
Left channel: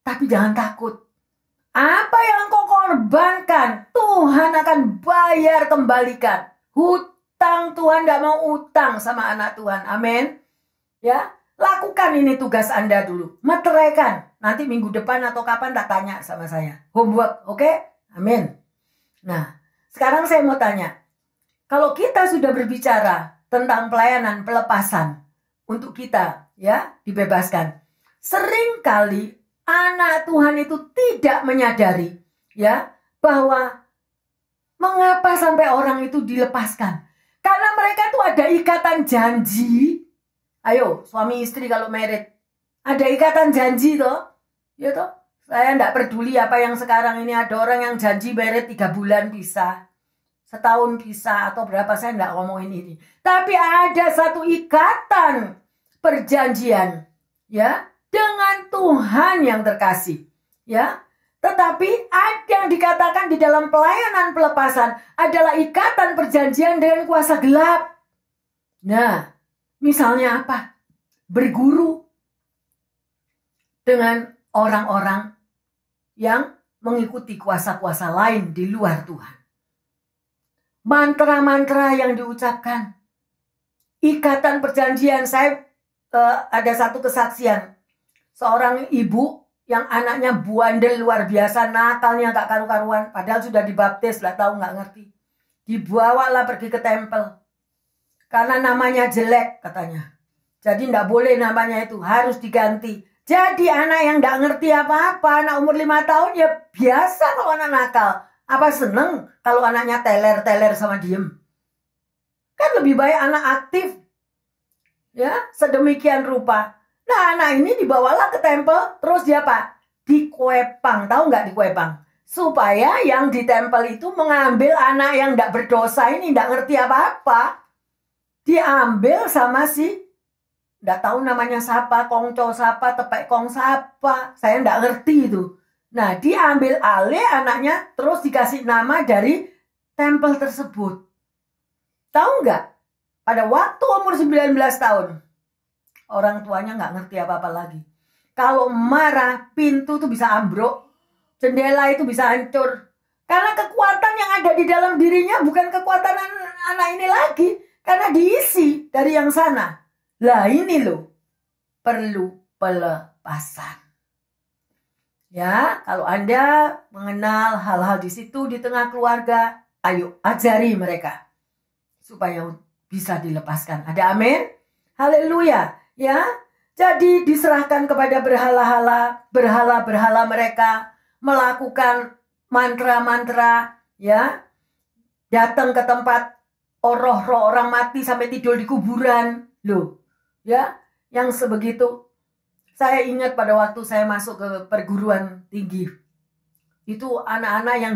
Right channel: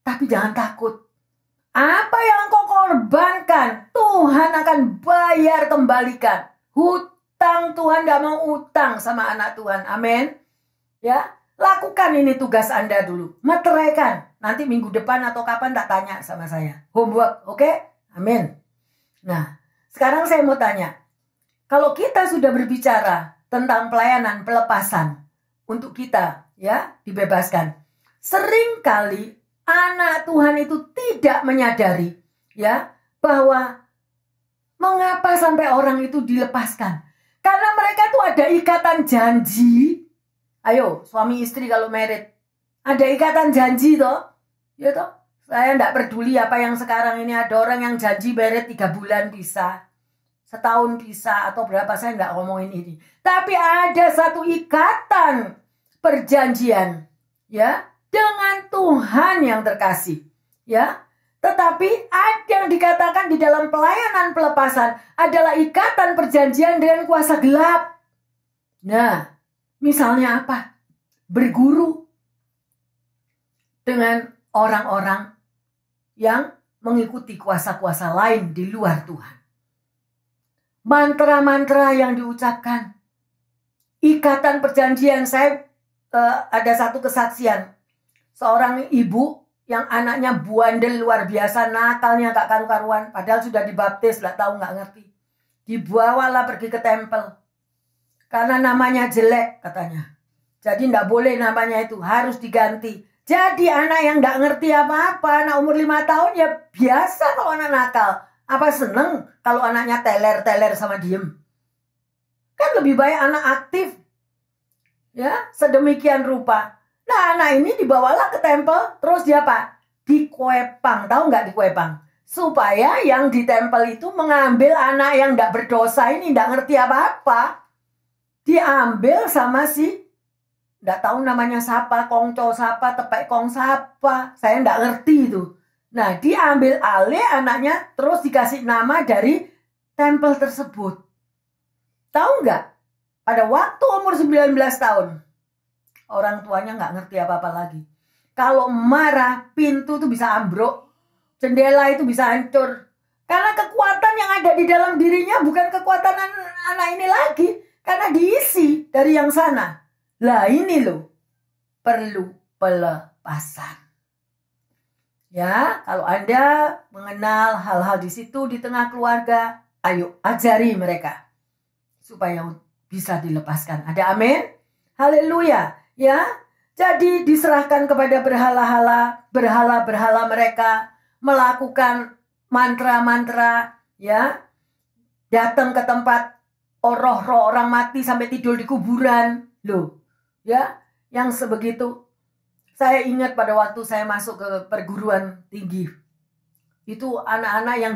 Tapi jangan takut. Apa yang kau korbankan, Tuhan akan bayar kembalikan. Hutang, Tuhan gak mau utang sama anak Tuhan. Amin. Ya, lakukan ini tugas Anda dulu. Meteraikan. Nanti minggu depan atau kapan tak tanya sama saya. Homework, oke? Amin. Nah, sekarang saya mau tanya. Kalau kita sudah berbicara tentang pelayanan pelepasan untuk kita, ya, dibebaskan. Seringkali anak Tuhan itu tidak menyadari, ya, bahwa mengapa sampai orang itu dilepaskan. Karena mereka tuh ada ikatan janji. Ayo, suami istri kalau married, ada ikatan janji toh, ya toh. Saya enggak peduli apa yang sekarang ini ada orang yang janji married 3 bulan bisa. Setahun bisa atau berapa, saya enggak ngomongin ini. Tapi ada satu ikatan perjanjian, ya, dengan Tuhan yang terkasih, ya. Tetapi ada yang dikatakan di dalam pelayanan pelepasan adalah ikatan perjanjian dengan kuasa gelap. Nah, misalnya apa? Berguru dengan orang-orang yang mengikuti kuasa-kuasa lain di luar Tuhan. Mantra-mantra yang diucapkan. Ikatan perjanjian. Saya ada satu kesaksian. Seorang ibu yang anaknya buandel luar biasa, nakalnya gak karu-karuan. Padahal sudah dibaptis, gak tahu gak ngerti. Dibawalah pergi ke tempel. Karena namanya jelek katanya. Jadi gak boleh namanya itu, harus diganti. Jadi anak yang gak ngerti apa-apa, anak umur 5 tahun ya biasa kalau anak nakal. Apa seneng kalau anaknya teler-teler sama diem? Kan lebih baik anak aktif. Ya, sedemikian rupa. Nah, anak ini dibawalah ke tempel, terus dia apa? Dikuepang, tahu nggak dikuepang? Supaya yang di tempel itu mengambil anak yang nggak berdosa ini, nggak ngerti apa-apa. Diambil sama si, nggak tahu namanya siapa, kongco siapa, tepek kong siapa. Saya nggak ngerti itu. Nah, diambil alih anaknya, terus dikasih nama dari tempel tersebut. Tahu nggak? Pada waktu umur 19 tahun, orang tuanya nggak ngerti apa-apa lagi. Kalau marah, pintu tuh bisa ambruk, jendela itu bisa hancur. Karena kekuatan yang ada di dalam dirinya bukan kekuatan anak ini lagi. Karena diisi dari yang sana. Lah ini loh, perlu pelepasan. Ya, kalau Anda mengenal hal-hal di situ di tengah keluarga, ayo ajari mereka. Supaya bisa dilepaskan. Ada amin? Haleluya. Ya, jadi diserahkan kepada berhala-berhala mereka, melakukan mantra-mantra, ya, datang ke tempat roh-roh orang mati sampai tidur di kuburan, loh, ya, yang sebegitu. Saya ingat pada waktu saya masuk ke perguruan tinggi, itu anak-anak yang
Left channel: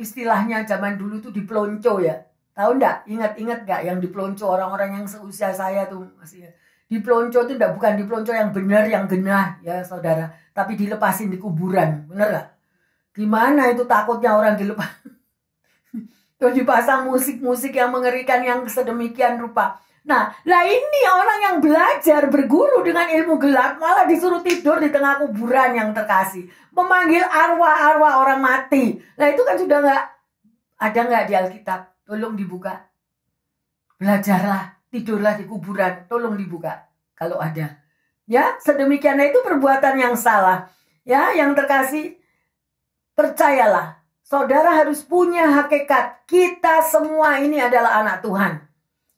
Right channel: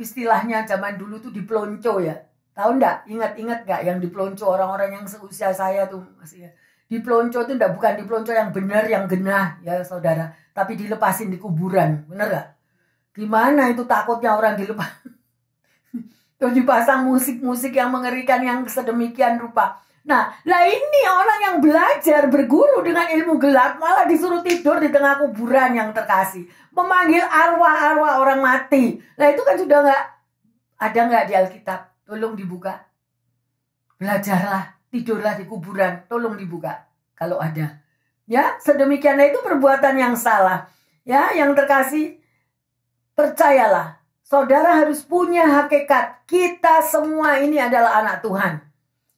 istilahnya zaman dulu tuh dipelonco ya. Tahu enggak? Ingat-ingat enggak yang dipelonco orang-orang yang seusia saya tuh masih. Dipelonco itu enggak, bukan dipelonco yang benar, yang genah ya saudara. Tapi dilepasin di kuburan. Bener enggak? Gimana itu takutnya orang dilepas. Terus dipasang musik-musik yang mengerikan yang sedemikian rupa. Nah, lah ini orang yang belajar berguru dengan ilmu gelap malah disuruh tidur di tengah kuburan yang terkasih. Memanggil arwah-arwah orang mati. Nah itu kan sudah enggak, ada enggak di Alkitab? Tolong dibuka. Belajarlah, tidurlah di kuburan, tolong dibuka. Kalau ada. Ya, sedemikiannya itu perbuatan yang salah. Ya, yang terkasih, percayalah, saudara harus punya hakikat. Kita semua ini adalah anak Tuhan.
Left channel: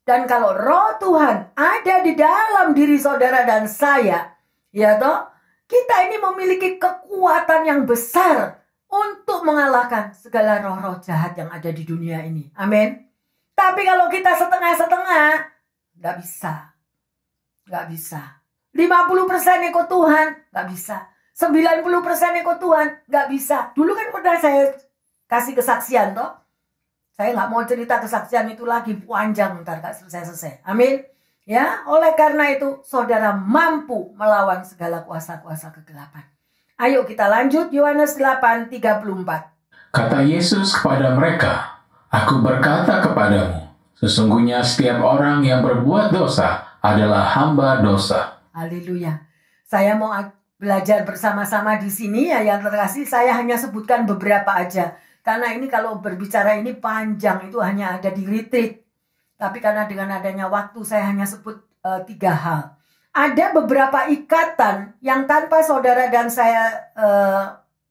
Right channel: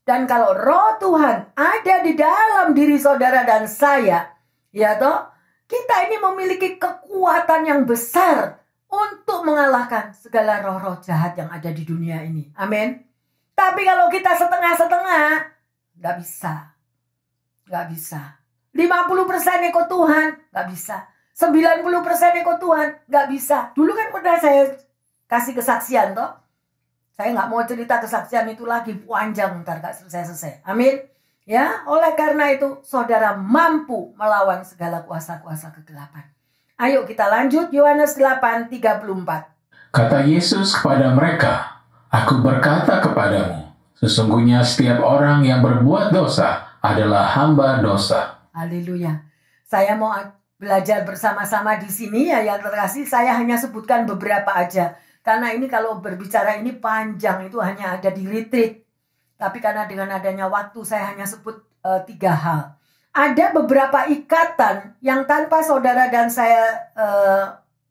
Dan kalau roh Tuhan ada di dalam diri saudara dan saya, ya toh, kita ini memiliki kekuatan yang besar untuk mengalahkan segala roh-roh jahat yang ada di dunia ini. Amin. Tapi kalau kita setengah-setengah, nggak bisa. Nggak bisa. 50% ikut Tuhan, nggak bisa. 90% ikut Tuhan, nggak bisa. Dulu kan pernah saya kasih kesaksian toh. Saya nggak mau cerita kesaksian itu lagi, panjang, ntar gak selesai-selesai. Amin. Ya, oleh karena itu saudara mampu melawan segala kuasa-kuasa kegelapan. Ayo kita lanjut, Yohanes 8:34. Kata Yesus kepada mereka, "Aku berkata kepadamu, sesungguhnya setiap orang yang berbuat dosa adalah hamba dosa." Haleluya. Saya mau belajar bersama-sama di sini ya yang terkasih. Saya hanya sebutkan beberapa aja. Karena ini kalau berbicara ini panjang, itu hanya ada di retreat. Tapi karena dengan adanya waktu saya hanya sebut 3 hal. Ada beberapa ikatan yang tanpa saudara dan saya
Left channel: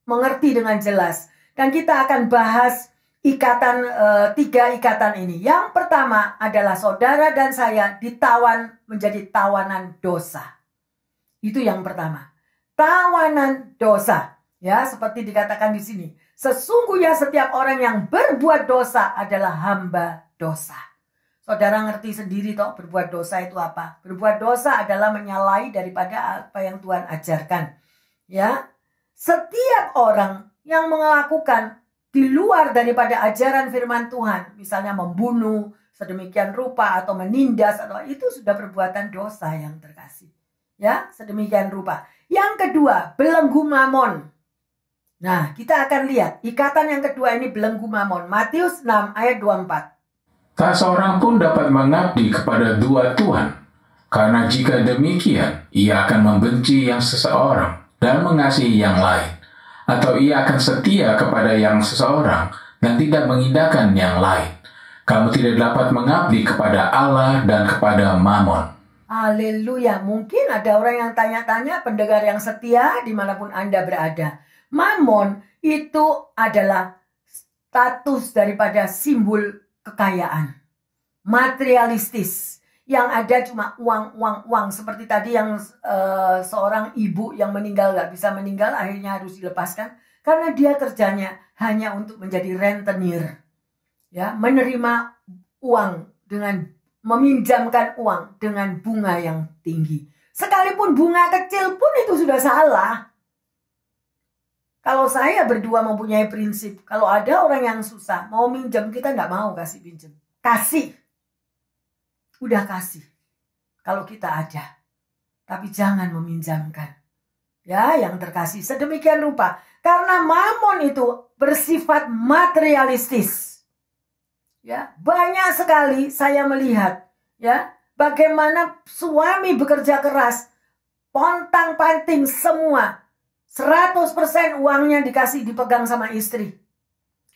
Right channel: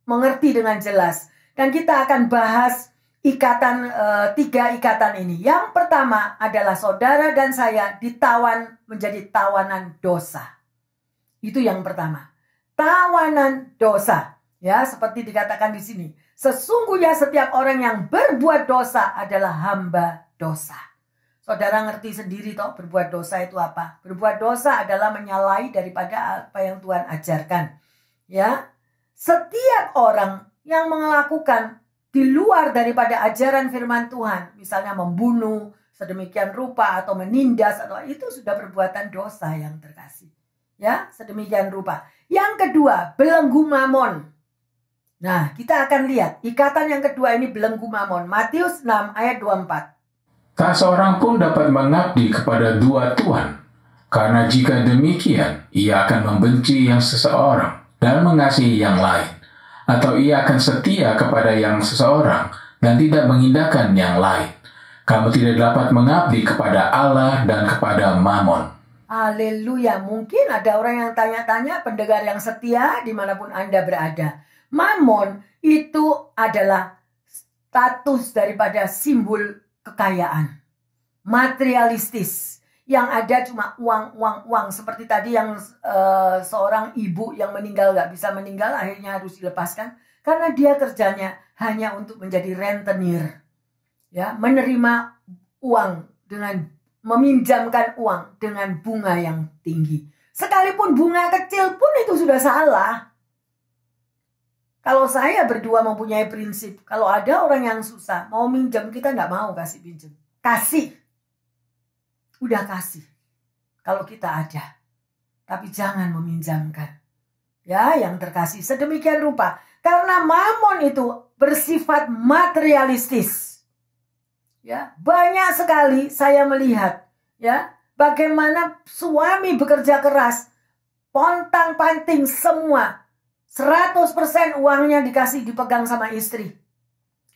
mengerti dengan jelas. Dan kita akan bahas ikatan 3 ikatan ini. Yang pertama adalah saudara dan saya ditawan menjadi tawanan dosa. Itu yang pertama. Tawanan dosa. Ya, seperti dikatakan di sini. Sesungguhnya setiap orang yang berbuat dosa adalah hamba dosa. Saudara ngerti sendiri toh berbuat dosa itu apa? Berbuat dosa adalah menyalahi daripada apa yang Tuhan ajarkan. Ya, setiap orang yang melakukan di luar daripada ajaran firman Tuhan, misalnya membunuh sedemikian rupa atau menindas atau itu sudah perbuatan dosa yang terkasih. Ya, sedemikian rupa. Yang kedua, belenggu mamon. Nah, kita akan lihat ikatan yang kedua ini belenggu mamon. Matius 6 ayat 24. Tak seorang pun dapat mengabdi kepada 2 tuan, karena jika demikian, ia akan membenci yang seseorang dan mengasihi yang lain, atau ia akan setia kepada yang seseorang dan tidak mengindahkan yang lain. Kamu tidak dapat mengabdi kepada Allah dan kepada mamon. Haleluya. Mungkin ada orang yang tanya-tanya, pendengar yang setia dimanapun Anda berada. Mamon itu adalah status daripada simbol kekayaan. Materialistis. Yang ada cuma uang. Seperti tadi yang seorang ibu yang meninggal gak bisa meninggal akhirnya harus dilepaskan. Karena dia kerjanya hanya untuk menjadi rentenir. Ya, menerima uang dengan meminjamkan uang dengan bunga yang tinggi. Sekalipun bunga kecil pun itu sudah salah. Kalau saya berdua mempunyai prinsip, kalau ada orang yang susah, mau minjem, kita nggak mau kasih pinjam. Kasih. Udah kasih. Kalau kita ada. Tapi jangan meminjamkan. Ya, yang terkasih. Sedemikian rupa. Karena mamon itu bersifat materialistis. Ya, banyak sekali saya melihat. Ya, bagaimana suami bekerja keras. Pontang-panting semua. 100% uangnya dipegang sama istri.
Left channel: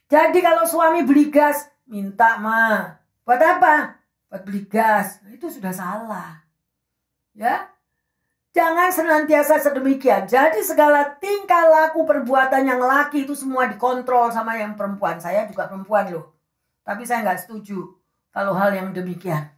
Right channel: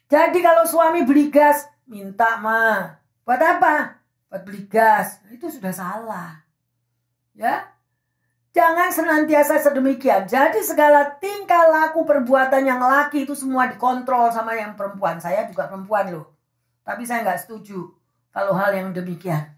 Jadi kalau suami beli gas, minta mah. Buat apa? Buat beli gas. Nah, itu sudah salah. Ya. Jangan senantiasa sedemikian. Jadi segala tingkah laku perbuatan yang laki itu semua dikontrol sama yang perempuan. Saya juga perempuan loh. Tapi saya nggak setuju kalau hal yang demikian.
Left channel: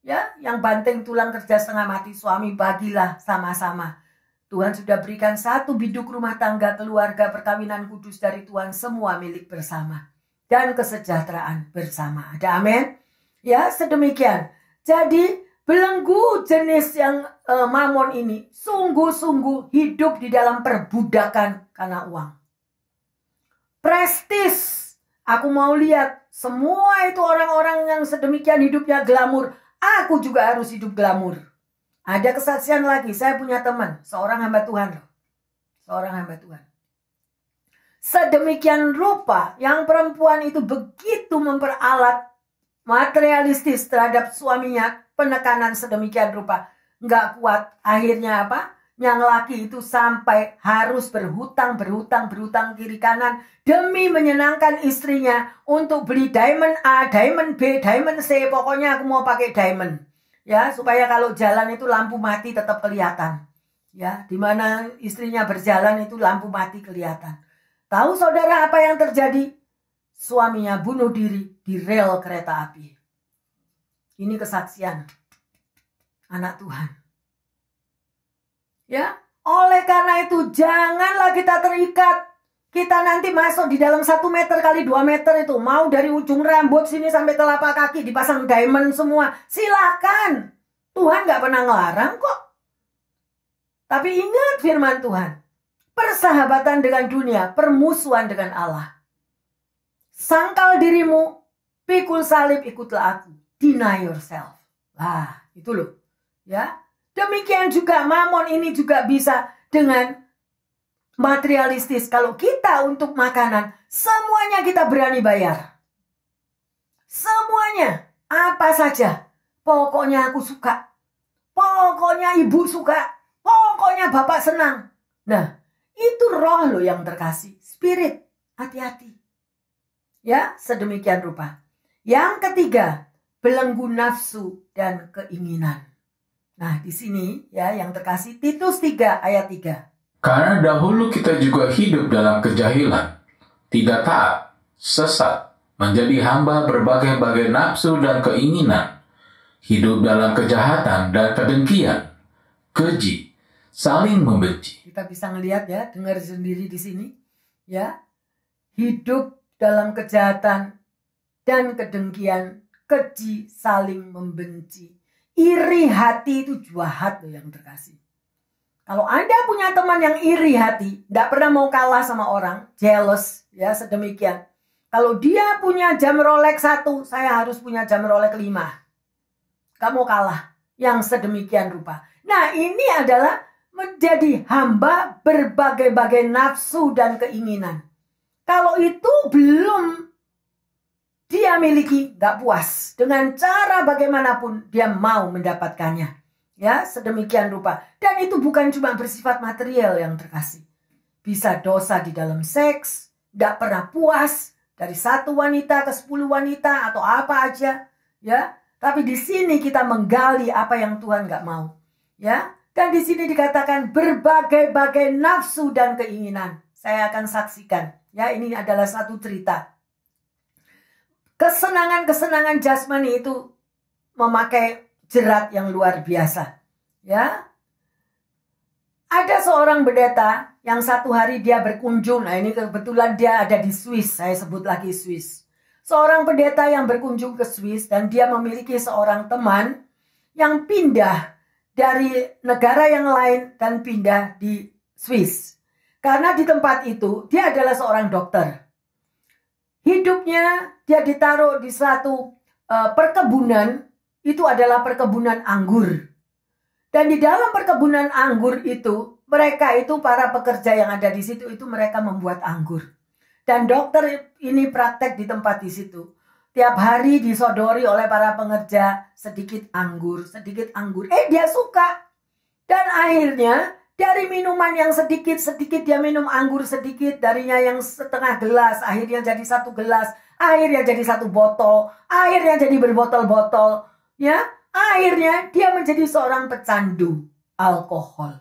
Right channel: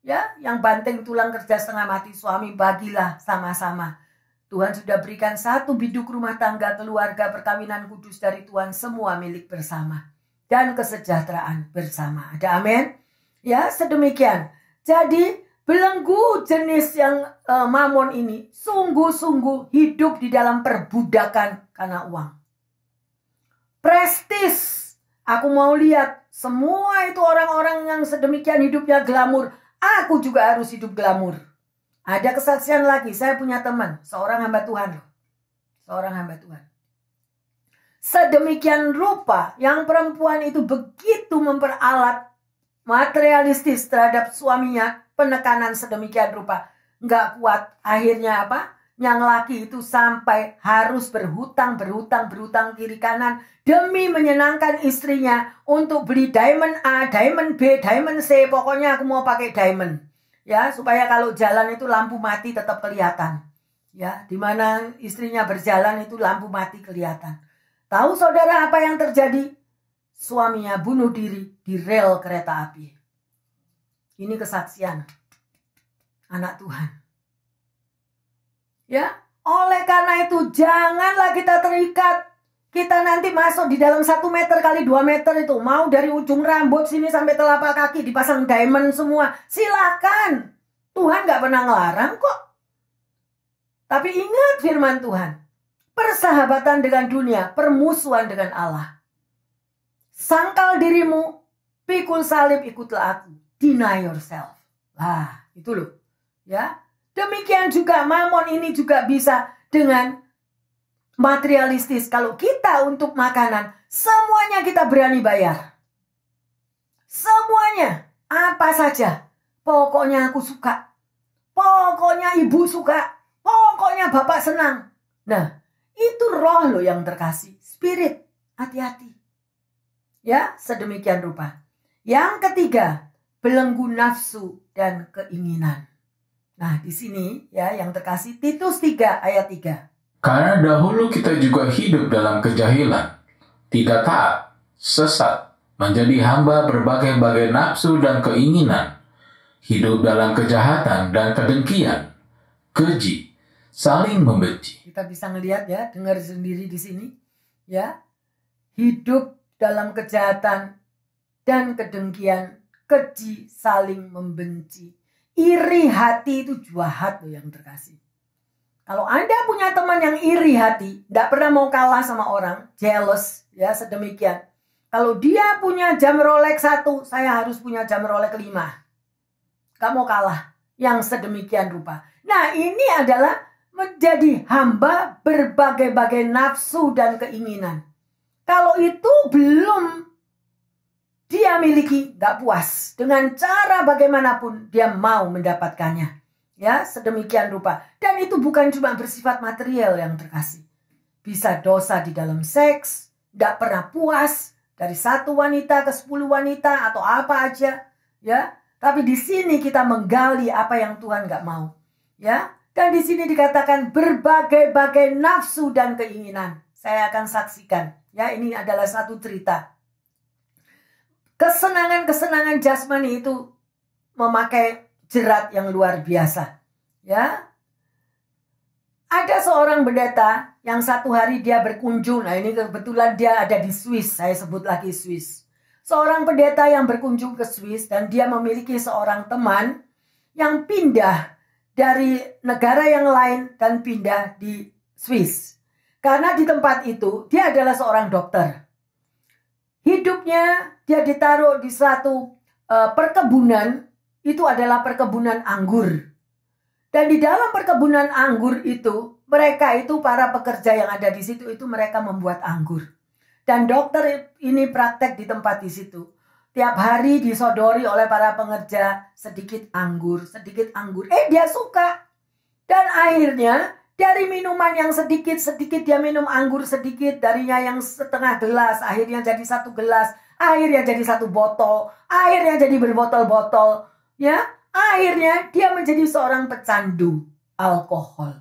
Ya, yang banting tulang kerja setengah mati suami bagilah sama-sama. Tuhan sudah berikan satu biduk rumah tangga, keluarga, perkawinan kudus dari Tuhan, semua milik bersama. Dan kesejahteraan bersama. Ada amin? Ya, sedemikian. Jadi, belenggu jenis yang mamon ini sungguh-sungguh hidup di dalam perbudakan karena uang. Prestis. Aku mau lihat semua itu orang-orang yang sedemikian hidupnya glamur. Aku juga harus hidup glamur. Ada kesaksian lagi, saya punya teman, seorang hamba Tuhan loh. Seorang hamba Tuhan. Sedemikian rupa yang perempuan itu begitu memperalat materialistis terhadap suaminya, penekanan sedemikian rupa. Nggak kuat, akhirnya apa? Yang laki itu sampai harus berhutang kiri kanan demi menyenangkan istrinya untuk beli diamond A, diamond B, diamond C, pokoknya aku mau pakai diamond. Ya, supaya kalau jalan itu lampu mati tetap kelihatan. Ya, di mana istrinya berjalan itu lampu mati kelihatan. Tahu saudara apa yang terjadi? Suaminya bunuh diri di rel kereta api. Ini kesaksian anak Tuhan. Ya, oleh karena itu janganlah kita terikat. Kita nanti masuk di dalam 1 meter kali 2 meter itu. Mau dari ujung rambut sini sampai telapak kaki dipasang diamond semua. Silakan. Tuhan gak pernah ngelarang kok. Tapi ingat firman Tuhan. Persahabatan dengan dunia, permusuhan dengan Allah. Sangkal dirimu, pikul salib ikutlah aku. Deny yourself. Lah, itu loh. Ya. Demikian juga mamon ini juga bisa dengan materialistis. Kalau kita untuk makanan, semuanya kita berani bayar. Semuanya. Apa saja. Pokoknya aku suka. Pokoknya ibu suka. Pokoknya bapak senang. Nah, itu roh loh yang terkasih. Spirit. Hati-hati. Ya, sedemikian rupa. Yang ketiga, belenggu nafsu dan keinginan. Nah, di sini ya yang terkasih Titus 3 ayat 3. Karena dahulu kita juga hidup dalam kejahilan, tidak taat, sesat, menjadi hamba berbagai-bagai nafsu dan keinginan, hidup dalam kejahatan dan kedengkian, keji, saling membenci. Kita bisa ngelihat ya, dengar sendiri di sini, ya, hidup dalam kejahatan dan kedengkian, keji, saling membenci. Iri hati itu jahat loh yang terkasih. Kalau Anda punya teman yang iri hati, tidak pernah mau kalah sama orang, jealous, ya sedemikian. Kalau dia punya jam Rolex 1, saya harus punya jam Rolex 5. Gak mau kalah, yang sedemikian rupa. Nah, ini adalah menjadi hamba berbagai-bagai nafsu dan keinginan. Kalau itu belum dia miliki, gak puas. Dengan cara bagaimanapun dia mau mendapatkannya. Ya, sedemikian rupa. Dan itu bukan cuma bersifat material yang terkasih. Bisa dosa di dalam seks, gak pernah puas dari 1 wanita ke 10 wanita atau apa aja. Ya, tapi di sini kita menggali apa yang Tuhan gak mau. Ya, dan di sini dikatakan berbagai-bagai nafsu dan keinginan. Saya akan saksikan. Ya, ini adalah satu cerita. Kesenangan-kesenangan jasmani itu memakai jerat yang luar biasa. Ya. Ada seorang pendeta yang satu hari dia berkunjung. Nah, ini kebetulan dia ada di Swiss. Saya sebut lagi Swiss. Seorang pendeta yang berkunjung ke Swiss dan dia memiliki seorang teman yang pindah dari negara yang lain dan pindah di Swiss. Karena di tempat itu dia adalah seorang dokter. Hidupnya dia ditaruh di suatu perkebunan, itu adalah perkebunan anggur. Dan di dalam perkebunan anggur itu, mereka itu para pekerja yang ada di situ itu mereka membuat anggur. Dan dokter ini praktek di tempat di situ. Tiap hari disodori oleh para pengerja sedikit anggur. Dia suka. Dan akhirnya dari minuman yang sedikit-sedikit dia minum anggur sedikit. Darinya yang setengah gelas, akhirnya jadi 1 gelas. Akhirnya jadi 1 botol. Akhirnya jadi berbotol-botol. Ya, akhirnya dia menjadi seorang pecandu alkohol.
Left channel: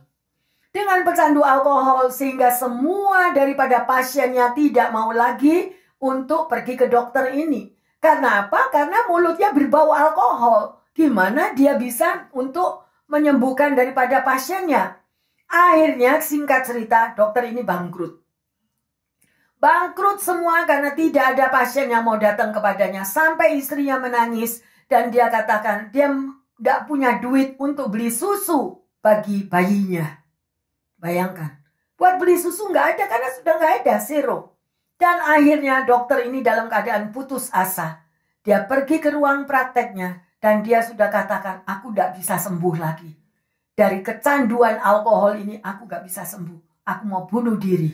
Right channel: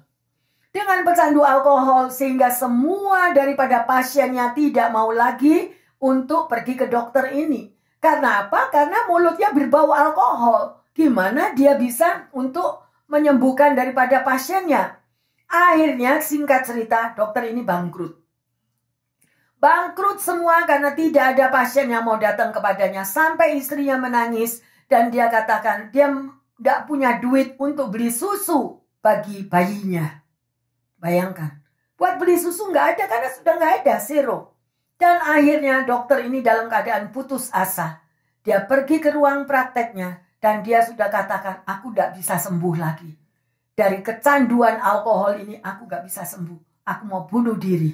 Dengan pecandu alkohol sehingga semua daripada pasiennya tidak mau lagi untuk pergi ke dokter ini. Karena apa? Karena mulutnya berbau alkohol. Gimana dia bisa untuk menyembuhkan daripada pasiennya? Akhirnya singkat cerita dokter ini bangkrut. Bangkrut semua karena tidak ada pasien yang mau datang kepadanya. Sampai istrinya menangis dan dia katakan dia tidak punya duit untuk beli susu bagi bayinya. Bayangkan, buat beli susu nggak ada karena sudah nggak ada, zero. Dan akhirnya dokter ini dalam keadaan putus asa. Dia pergi ke ruang prakteknya dan dia sudah katakan aku tidak bisa sembuh lagi. Dari kecanduan alkohol ini aku gak bisa sembuh. Aku mau bunuh diri.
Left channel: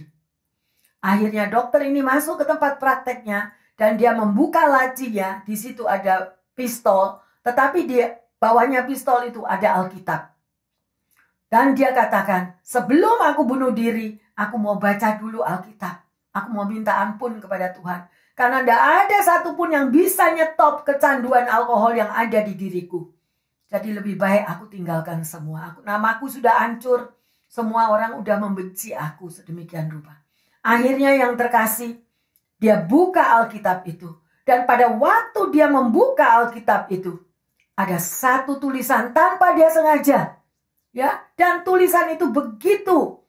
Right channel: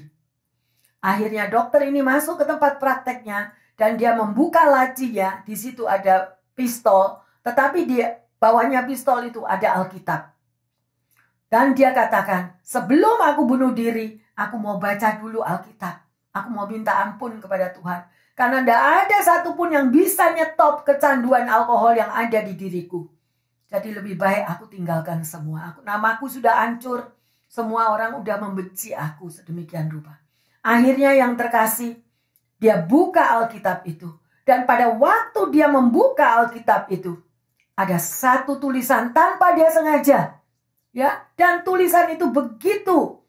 Akhirnya dokter ini masuk ke tempat prakteknya. Dan dia membuka lacinya. Di situ ada pistol. Tetapi di bawahnya pistol itu ada Alkitab. Dan dia katakan, sebelum aku bunuh diri, aku mau baca dulu Alkitab. Aku mau minta ampun kepada Tuhan. Karena tidak ada satupun yang bisa nyetop kecanduan alkohol yang ada di diriku. Jadi lebih baik aku tinggalkan semua. Namaku sudah hancur. Semua orang udah membenci aku sedemikian rupa. Akhirnya yang terkasih, dia buka Alkitab itu. Dan pada waktu dia membuka Alkitab itu, ada satu tulisan tanpa dia sengaja. Ya, dan tulisan itu begitu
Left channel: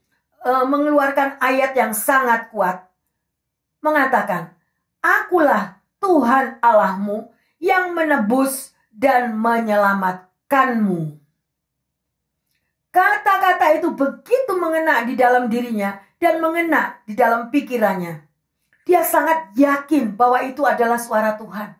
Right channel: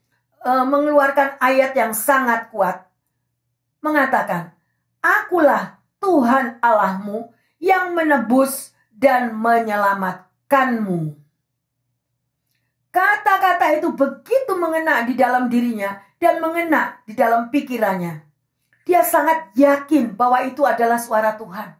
mengeluarkan ayat yang sangat kuat. Mengatakan, akulah Tuhan Allahmu yang menebus dan menyelamatkanmu. Kata-kata itu begitu mengena di dalam dirinya dan mengena di dalam pikirannya. Dia sangat yakin bahwa itu adalah suara Tuhan.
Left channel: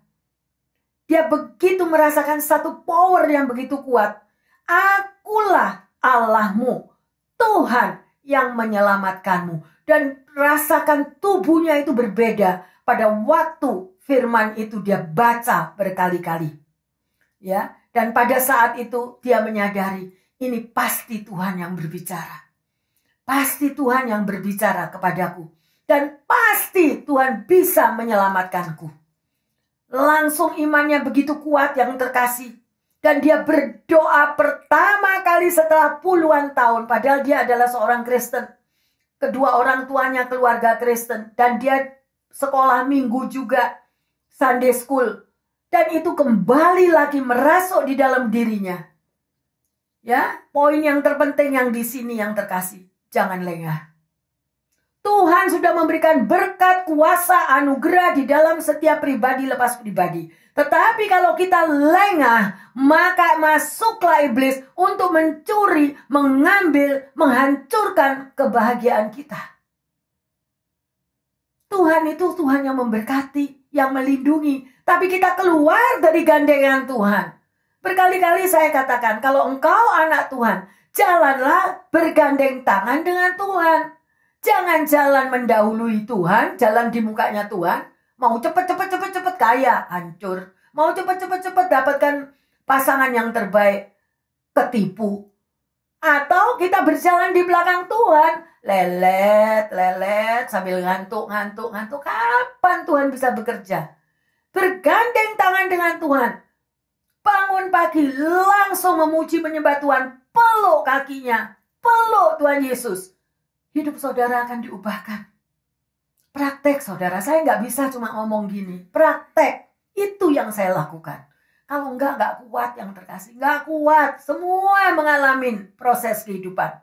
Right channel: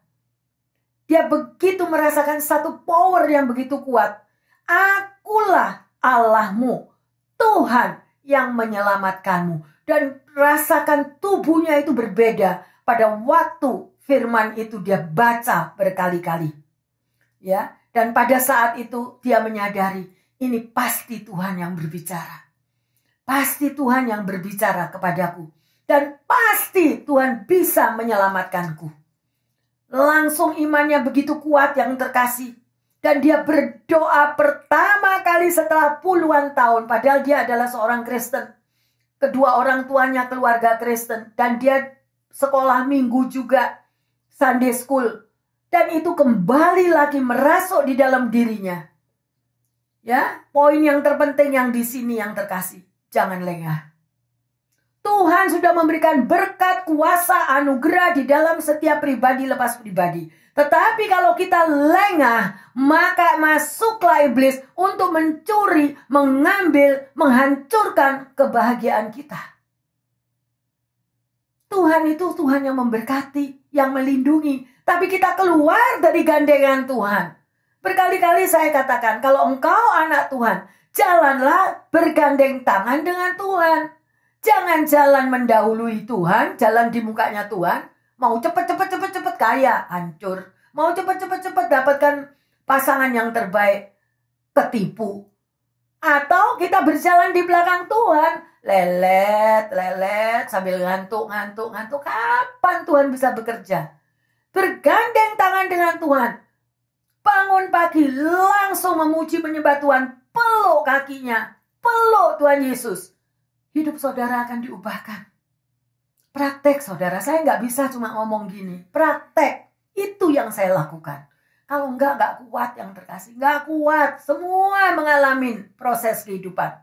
Dia begitu merasakan satu power yang begitu kuat. Akulah Allahmu, Tuhan yang menyelamatkanmu. Dan rasakan tubuhnya itu berbeda pada waktu firman itu dia baca berkali-kali. Ya, dan pada saat itu dia menyadari, ini pasti Tuhan yang berbicara. Pasti Tuhan yang berbicara kepadaku. Dan pasti Tuhan bisa menyelamatkanku. Langsung imannya begitu kuat yang terkasih. Dan dia berdoa pertama kali setelah puluhan tahun. Padahal dia adalah seorang Kristen. Kedua orang tuanya keluarga Kristen. Dan dia sekolah minggu juga. Sunday school. Dan itu kembali lagi merasuk di dalam dirinya. Ya, poin yang terpenting yang di sini yang terkasih, jangan lengah. Tuhan sudah memberikan berkat, kuasa, anugerah di dalam setiap pribadi lepas pribadi. Tetapi kalau kita lengah, maka masuklah iblis untuk mencuri, mengambil, menghancurkan kebahagiaan kita. Tuhan itu Tuhan yang memberkati, yang melindungi. Tapi kita keluar dari gandengan Tuhan. Berkali-kali saya katakan, kalau engkau anak Tuhan, jalanlah bergandeng tangan dengan Tuhan. Jangan jalan mendahului Tuhan, jalan di mukanya Tuhan. Mau cepet kaya, hancur. Mau cepet dapatkan pasangan yang terbaik, ketipu. Atau kita berjalan di belakang Tuhan, lelet, sambil ngantuk. Kapan Tuhan bisa bekerja? Bergandeng tangan dengan Tuhan. Bangun pagi, langsung memuji menyembah Tuhan. Peluk kakinya, peluk Tuhan Yesus. Hidup saudara akan diubahkan. Praktek saudara, saya nggak bisa cuma ngomong gini. Praktek, itu yang saya lakukan. Kalau nggak kuat yang terkasih. Nggak kuat, semua mengalami proses kehidupan.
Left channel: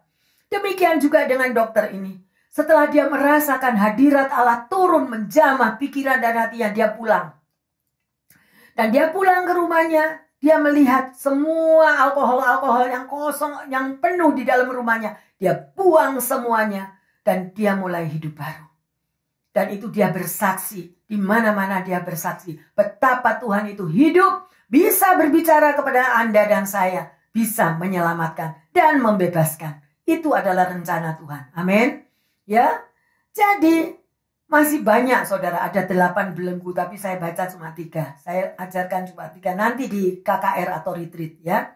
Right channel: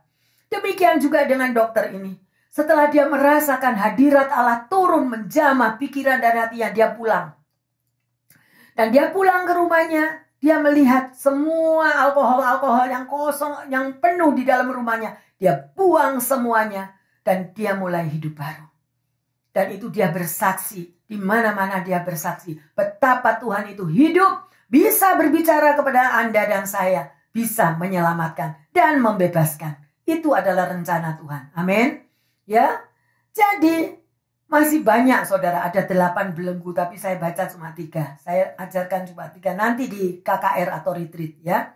Demikian juga dengan dokter ini. Setelah dia merasakan hadirat Allah turun menjamah pikiran dan hatinya, dia pulang. Dan dia pulang ke rumahnya. Dia melihat semua alkohol yang kosong, yang penuh di dalam rumahnya. Dia buang semuanya. Dan dia mulai hidup baru. Dan itu dia bersaksi. Di mana-mana dia bersaksi. Betapa Tuhan itu hidup. Bisa berbicara kepada Anda dan saya. Bisa menyelamatkan dan membebaskan. Itu adalah rencana Tuhan. Amin. Ya. Jadi masih banyak saudara, ada 8 belenggu, tapi saya baca cuma 3. Saya ajarkan cuma 3, nanti di KKR atau retreat ya.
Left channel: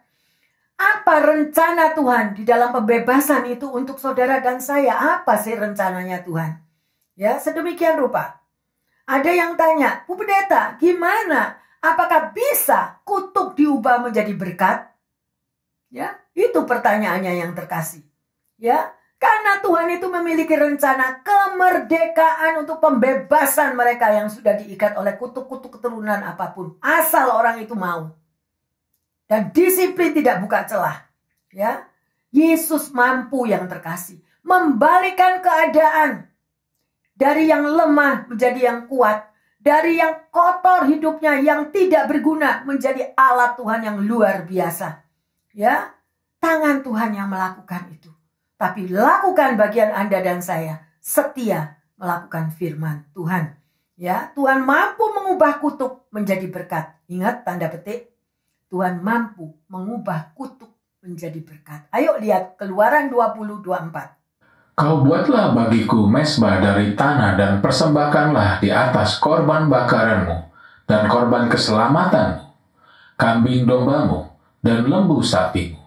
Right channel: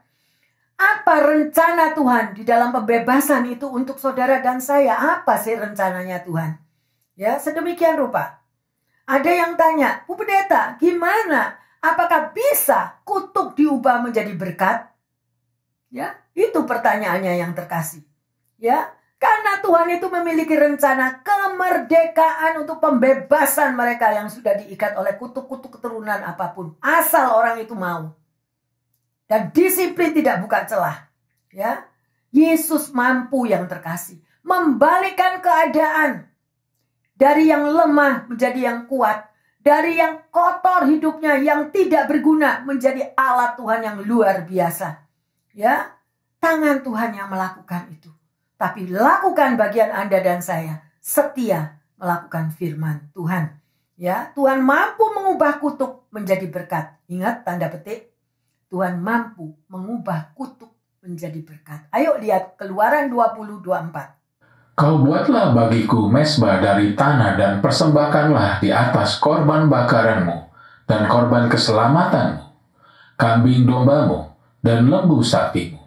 Apa rencana Tuhan di dalam pembebasan itu untuk saudara dan saya? Apa sih rencananya Tuhan? Ya, sedemikian rupa. Ada yang tanya, Bu Pendeta, gimana? Apakah bisa kutuk diubah menjadi berkat? Ya, itu pertanyaannya yang terkasih. Ya. Karena Tuhan itu memiliki rencana kemerdekaan untuk pembebasan mereka yang sudah diikat oleh kutuk-kutuk keturunan apapun. Asal orang itu mau. Dan disiplin tidak buka celah. Ya, Yesus mampu yang terkasih. Membalikkan keadaan. Dari yang lemah menjadi yang kuat. Dari yang kotor hidupnya, yang tidak berguna menjadi alat Tuhan yang luar biasa. Ya, tangan Tuhan yang melakukan itu. Tapi lakukan bagian Anda dan saya. Setia melakukan firman Tuhan. Ya, Tuhan mampu mengubah kutuk menjadi berkat. Ingat tanda petik. Tuhan mampu mengubah kutuk menjadi berkat. Ayo lihat Keluaran 20:24. Kau buatlah bagiku mezbah dari tanah dan persembahkanlah di atas korban bakaranmu dan korban keselamatanmu, kambing dombamu dan lembu sapimu.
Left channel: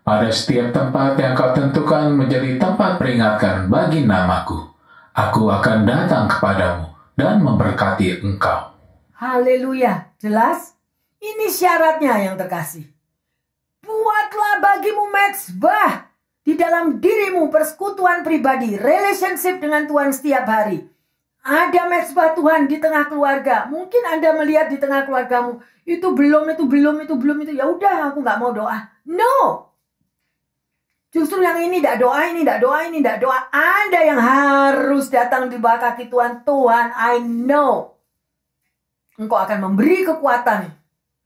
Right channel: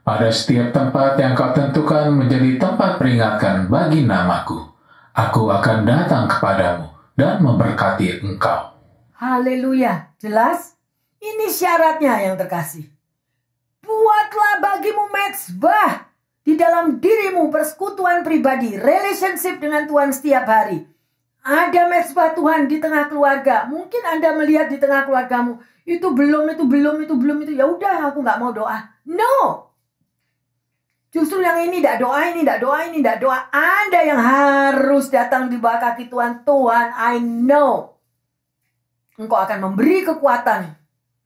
Pada setiap tempat yang kau tentukan menjadi tempat peringatan bagi namaku, aku akan datang kepadamu dan memberkati engkau. Haleluya, jelas? Ini syaratnya yang terkasih. Buatlah bagimu mezbah di di dalam dirimu, persekutuan pribadi, relationship dengan Tuhan setiap hari. Ada mezbah Tuhan di tengah keluarga. Mungkin Anda melihat di tengah keluargamu, itu belum. Ya udah, aku nggak mau doa. No. Justru yang ini tidak doa, tidak doa. Anda yang harus datang di bawah kaki Tuhan. Tuhan, I know Engkau akan memberi kekuatan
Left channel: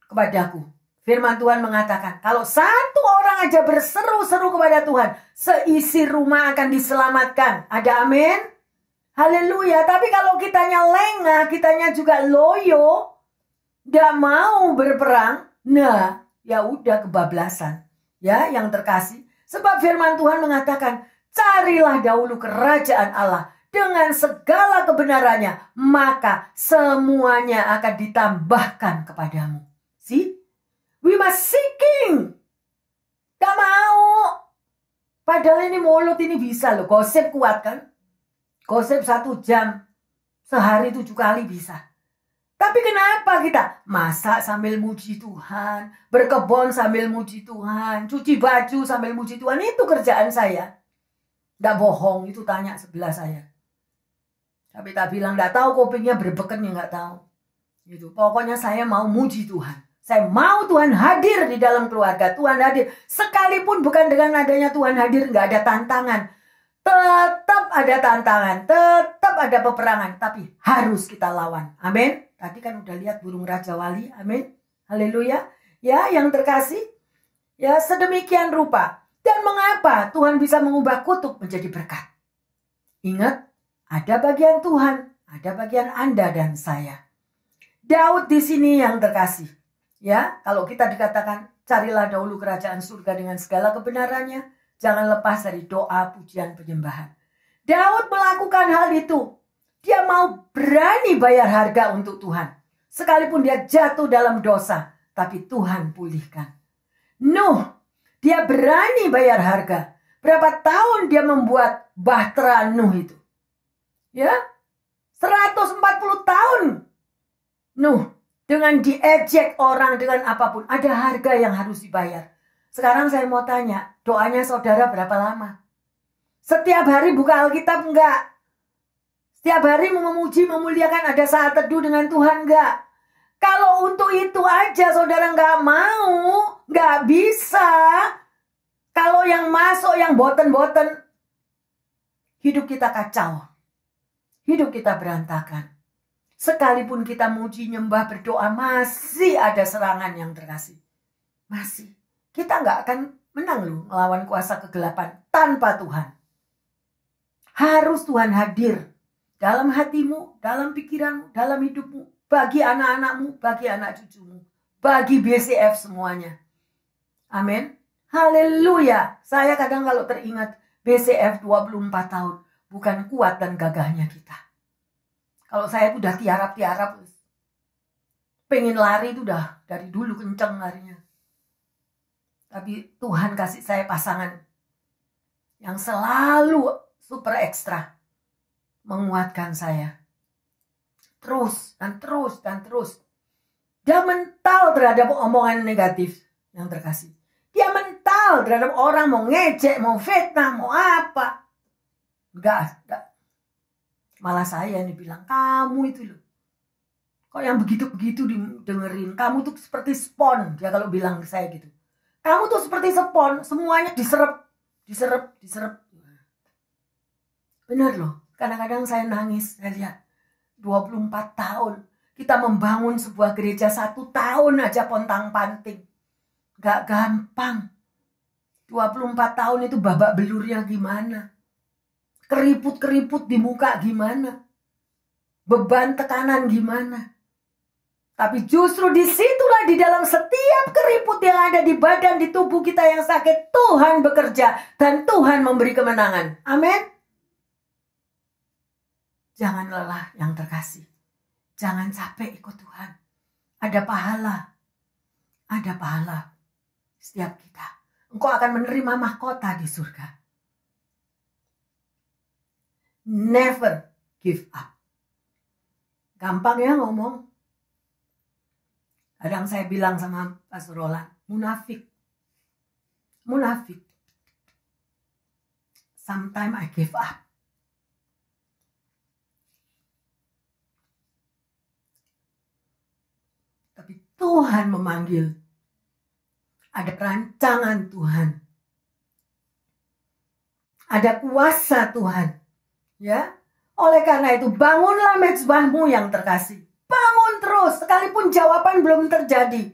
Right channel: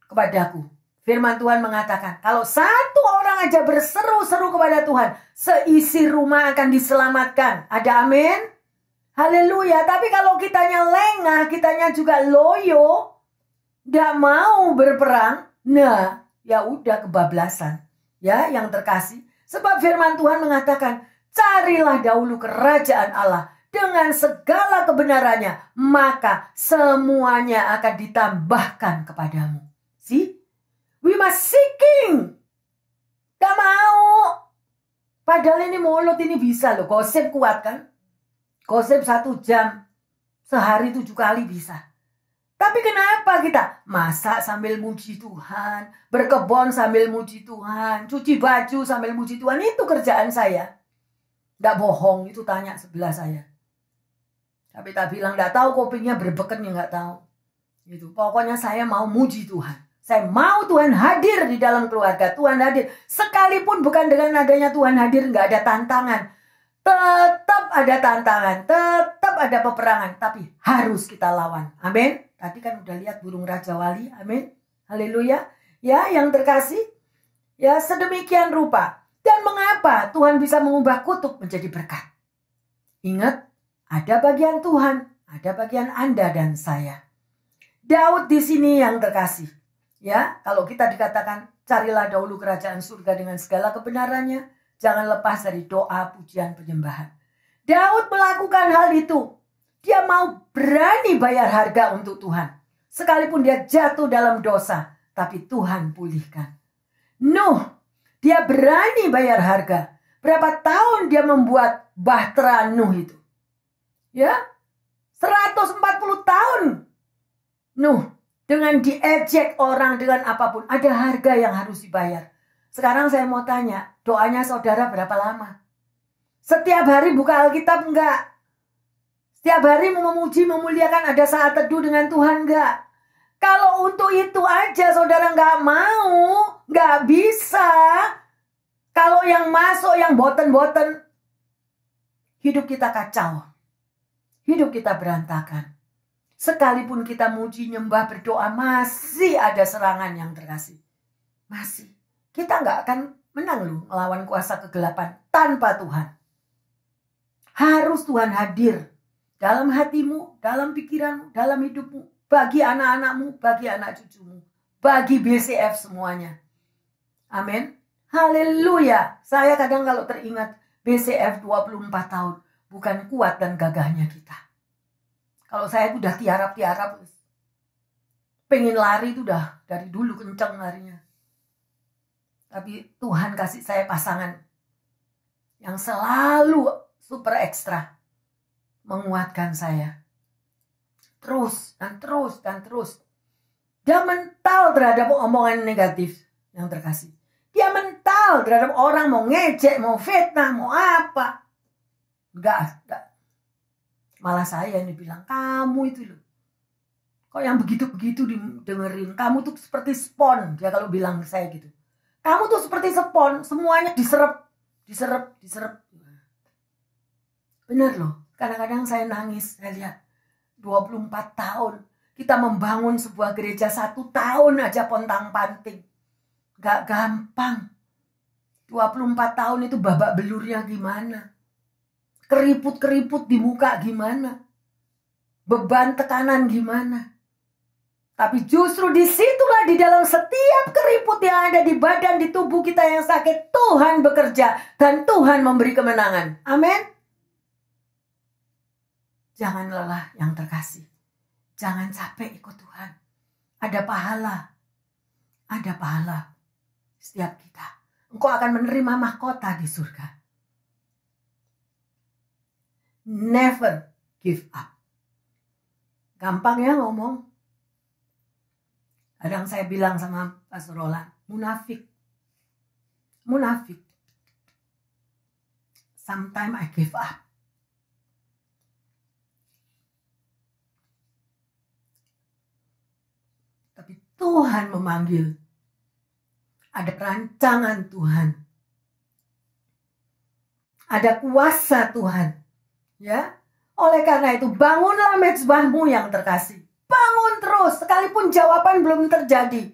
kepadaku. Firman Tuhan mengatakan, kalau satu orang aja berseru-seru kepada Tuhan, seisi rumah akan diselamatkan. Ada amin? Haleluya. Tapi kalau kitanya lengah, kitanya juga loyo, gak mau berperang, nah ya udah kebablasan. Ya, yang terkasih. Sebab firman Tuhan mengatakan, carilah dahulu kerajaan Allah dengan segala kebenarannya, maka semuanya akan ditambahkan kepadamu. See? We must seeking. Gak mau. Padahal ini mulut ini bisa loh. Gosip kuat kan? Gosip 1 jam. Sehari 7 kali bisa. Tapi kenapa kita masak sambil muji Tuhan. Berkebun sambil muji Tuhan. Cuci baju sambil muji Tuhan. Itu kerjaan saya. Gak bohong. Itu tanya sebelah saya. Tapi tak bilang gak tahu kupingnya berbeken ya gak tahu. Gitu. Pokoknya saya mau muji Tuhan. Saya mau Tuhan hadir di dalam keluarga. Tuhan hadir. Sekalipun bukan dengan adanya Tuhan hadir gak ada tantangan. Tetap ada tantangan, tetap ada peperangan, tapi harus kita lawan. Amin. Tadi kan udah lihat burung Raja Wali. Amin. Haleluya. Ya, yang terkasih. Ya, sedemikian rupa. Dan mengapa Tuhan bisa mengubah kutuk menjadi berkat? Ingat, ada bagian Tuhan, ada bagian Anda dan saya. Daud di sini yang terkasih. Ya, kalau kita dikatakan carilah dahulu kerajaan surga dengan segala kebenarannya, jangan lepas dari doa, pujian, penyembahan. Daud melakukan hal itu. Dia mau berani bayar harga untuk Tuhan. Sekalipun dia jatuh dalam dosa, tapi Tuhan pulihkan. Nuh, dia berani bayar harga. Berapa tahun dia membuat bahtera Nuh itu? Ya, 140 tahun. Nuh, dengan diejek orang, dengan apapun, ada harga yang harus dibayar. Sekarang saya mau tanya, doanya saudara berapa lama? Setiap hari buka Alkitab enggak? Setiap hari memuji, memuliakan, ada saat teduh dengan Tuhan enggak? Kalau untuk itu aja saudara enggak mau, enggak bisa. Kalau yang masuk, yang boten-boten, hidup kita kacau. Hidup kita berantakan. Sekalipun kita muji, nyembah, berdoa, masih ada serangan yang terkasih. Masih. Kita nggak akan menang loh melawan kuasa kegelapan tanpa Tuhan. Harus Tuhan hadir dalam hatimu, dalam pikiranmu, dalam hidupmu. Bagi anak-anakmu, bagi anak cucumu. Bagi BCF semuanya. Amin. Haleluya. Saya kadang kalau teringat BCF 24 tahun. Bukan kuat dan gagahnya kita. Kalau saya udah tiarap-tiarap. Pengen lari itu udah dari dulu kenceng larinya. Tapi Tuhan kasih saya pasangan yang selalu super ekstra menguatkan saya. Terus dan terus dan terus. Dia mental terhadap omongan negatif yang terkasih. Dia mental terhadap orang mau ngejek, mau fitnah, mau apa. Enggak. Malah saya yang dibilang, kamu itu loh. Kok yang begitu-begitu dengerin. Kamu tuh seperti spon. Dia kalau bilang ke saya gitu. Kamu tuh seperti spon, semuanya diserap. Benar loh, kadang-kadang saya nangis, saya lihat 24 tahun. Kita membangun sebuah gereja 1 tahun aja pontang-panting. Gak gampang. 24 tahun itu babak belurnya gimana. Keriput-keriput di muka gimana. Beban tekanan gimana. Tapi justru disitulah di dalam setiap keriput yang ada di badan, di tubuh kita yang sakit, Tuhan bekerja dan Tuhan memberi kemenangan. Amin. Jangan lelah yang terkasih. Jangan capek ikut Tuhan. Ada pahala. Ada pahala setiap kita. Engkau akan menerima mahkota di surga. Never give up. Gampang ya ngomong. Kadang saya bilang sama Pastor Roland, munafik. Munafik. Sometimes I give up. Tapi Tuhan memanggil. Ada rancangan Tuhan. Ada kuasa Tuhan. Ya. Oleh karena itu, bangunlah mezbahmu yang terkasih. Bangun terus, sekalipun jawaban belum terjadi.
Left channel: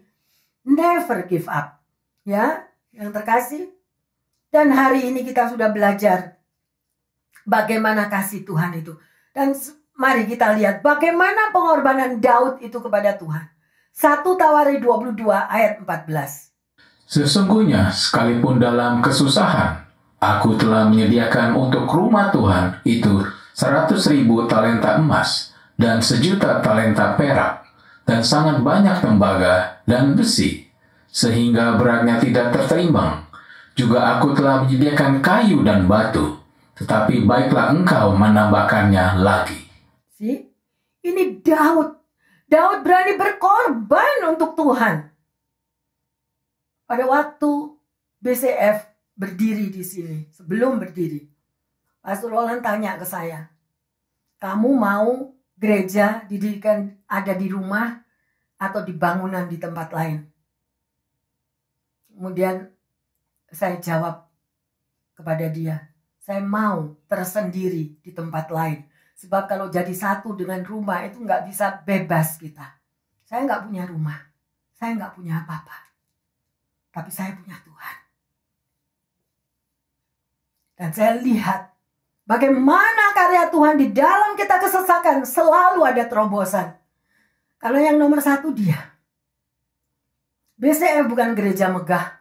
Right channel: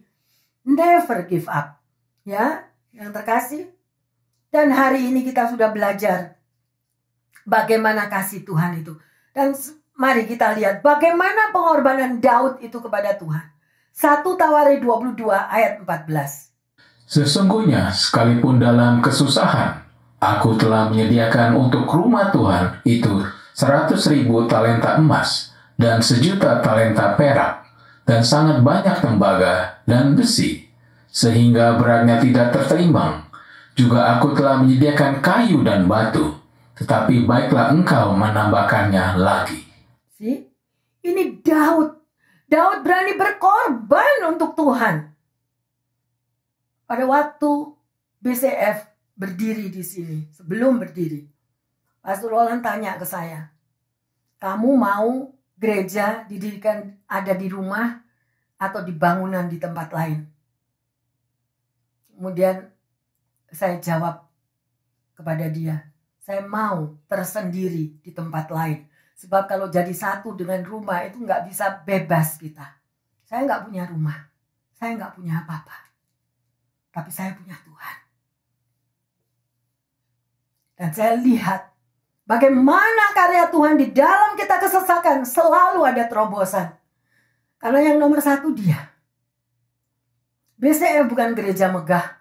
Never give up. Ya, yang terkasih. Dan hari ini kita sudah belajar bagaimana kasih Tuhan itu. Dan mari kita lihat bagaimana pengorbanan Daud itu kepada Tuhan. 1 Tawari 22 ayat 14. Sesungguhnya sekalipun dalam kesusahan, aku telah menyediakan untuk rumah Tuhan itu 100.000 talenta emas dan 1.000.000 talenta perak dan sangat banyak tembaga dan besi, sehingga beratnya tidak tertimbang. Juga aku telah menyediakan kayu dan batu, tetapi baiklah engkau menambahkannya lagi. See? Ini Daud. Daud berani berkorban untuk Tuhan. Pada waktu BCF berdiri di sini, sebelum berdiri, Pastor Roland tanya ke saya, kamu mau gereja didirikan ada di rumah atau di bangunan di tempat lain? Kemudian saya jawab kepada dia, saya mau tersendiri di tempat lain. Sebab kalau jadi satu dengan rumah itu nggak bisa bebas kita. Saya nggak punya rumah, saya nggak punya apa-apa. Tapi saya punya Tuhan. Dan saya lihat bagaimana karya Tuhan di dalam kita kesesakan selalu ada terobosan. Karena yang nomor satu dia. BCF bukan gereja megah.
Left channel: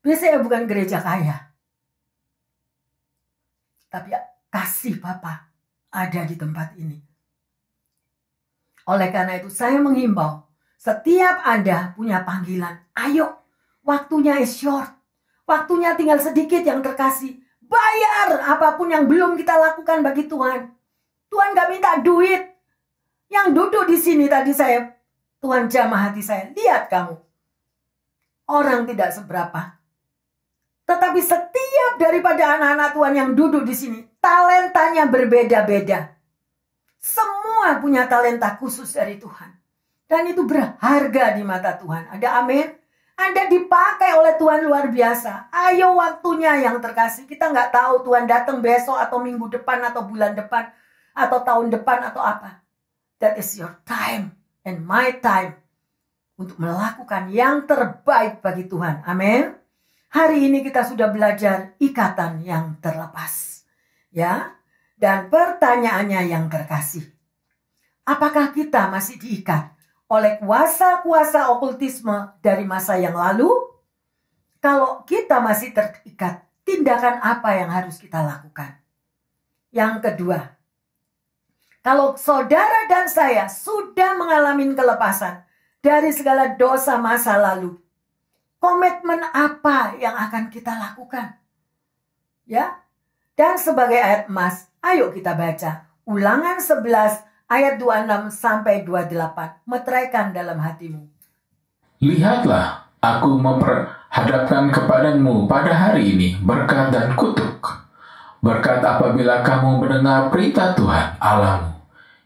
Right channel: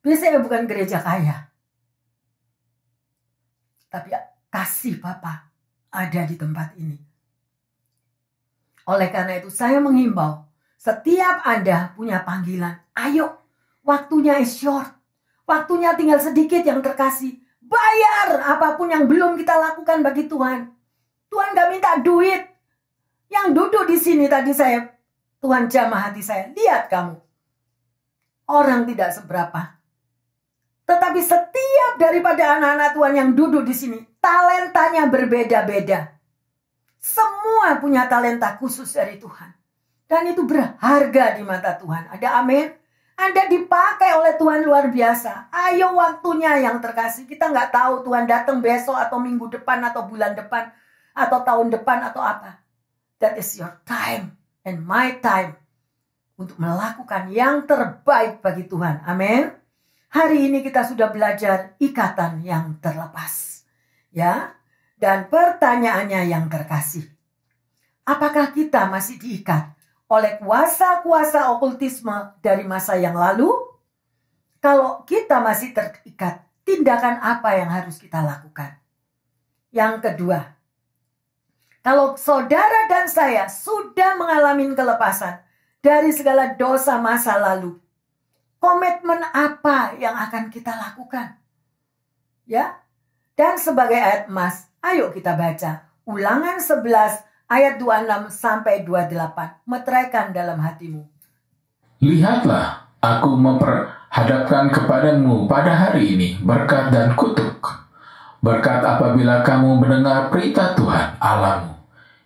BCF bukan gereja kaya. Tapi kasih Bapa ada di tempat ini. Oleh karena itu saya menghimbau, setiap Anda punya panggilan, ayo. Waktunya is short. Waktunya tinggal sedikit yang terkasih. Bayar apapun yang belum kita lakukan bagi Tuhan. Tuhan gak minta duit. Yang duduk di sini tadi Tuhan jamah hati saya. Lihat kamu. Orang tidak seberapa. Tetapi setiap daripada anak-anak Tuhan yang duduk di sini, talentanya berbeda-beda. Semua punya talenta khusus dari Tuhan. Dan itu berharga di mata Tuhan. Ada amin? Anda dipakai oleh Tuhan luar biasa. Ayo waktunya yang terkasih. Kita nggak tahu Tuhan datang besok atau minggu depan atau bulan depan atau tahun depan atau apa. That is your time and my time untuk melakukan yang terbaik bagi Tuhan. Amin. Hari ini kita sudah belajar ikatan yang terlepas. Ya. Dan pertanyaannya yang terkasih. Apakah kita masih diikat oleh kuasa-kuasa okultisme dari masa yang lalu? Kalau kita masih terikat, tindakan apa yang harus kita lakukan? Yang kedua, kalau saudara dan saya sudah mengalami kelepasan dari segala dosa masa lalu, komitmen apa yang akan kita lakukan? Ya, dan sebagai ayat emas, ayo kita baca Ulangan 11 ayat 26 sampai 28. Meteraikan dalam hatimu. Lihatlah, aku memperhadapkan kepadamu pada hari ini berkat dan kutuk. Berkat apabila kamu mendengar perintah Tuhan Allahmu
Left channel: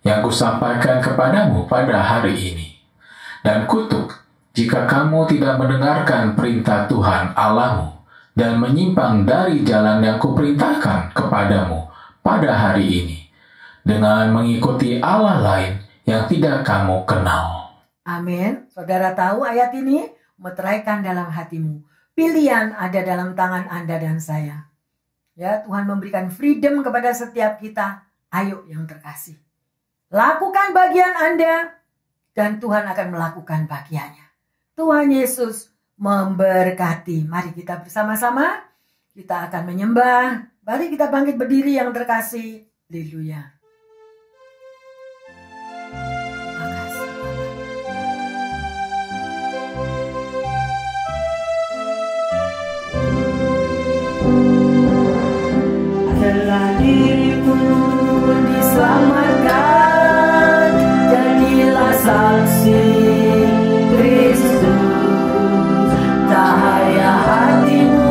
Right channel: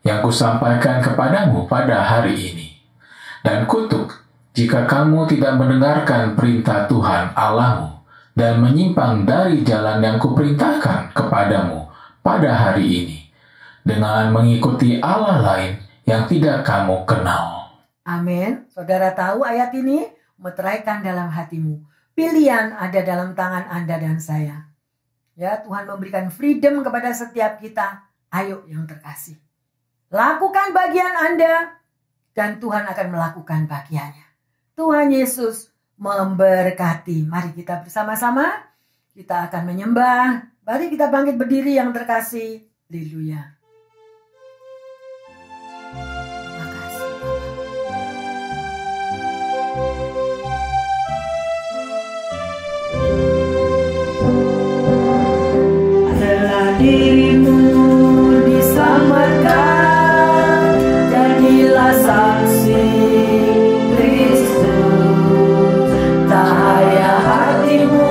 yang kusampaikan kepadamu pada hari ini. Dan kutuk jika kamu tidak mendengarkan perintah Tuhan Allahmu dan menyimpang dari jalan yang kuperintahkan kepadamu pada hari ini, dengan mengikuti Allah lain yang tidak kamu kenal. Amin. Saudara tahu ayat ini? Meteraikan dalam hatimu. Pilihan ada dalam tangan Anda dan saya. Ya, Tuhan memberikan freedom kepada setiap kita. Ayo yang terkasih. Lakukan bagian Anda dan Tuhan akan melakukan bagiannya. Tuhan Yesus memberkati. Mari kita bersama-sama. Kita akan menyembah. Mari kita bangkit berdiri yang terkasih. Haleluya. Dirimu diselamatkan, jadilah saksi Kristus. Cahaya hatimu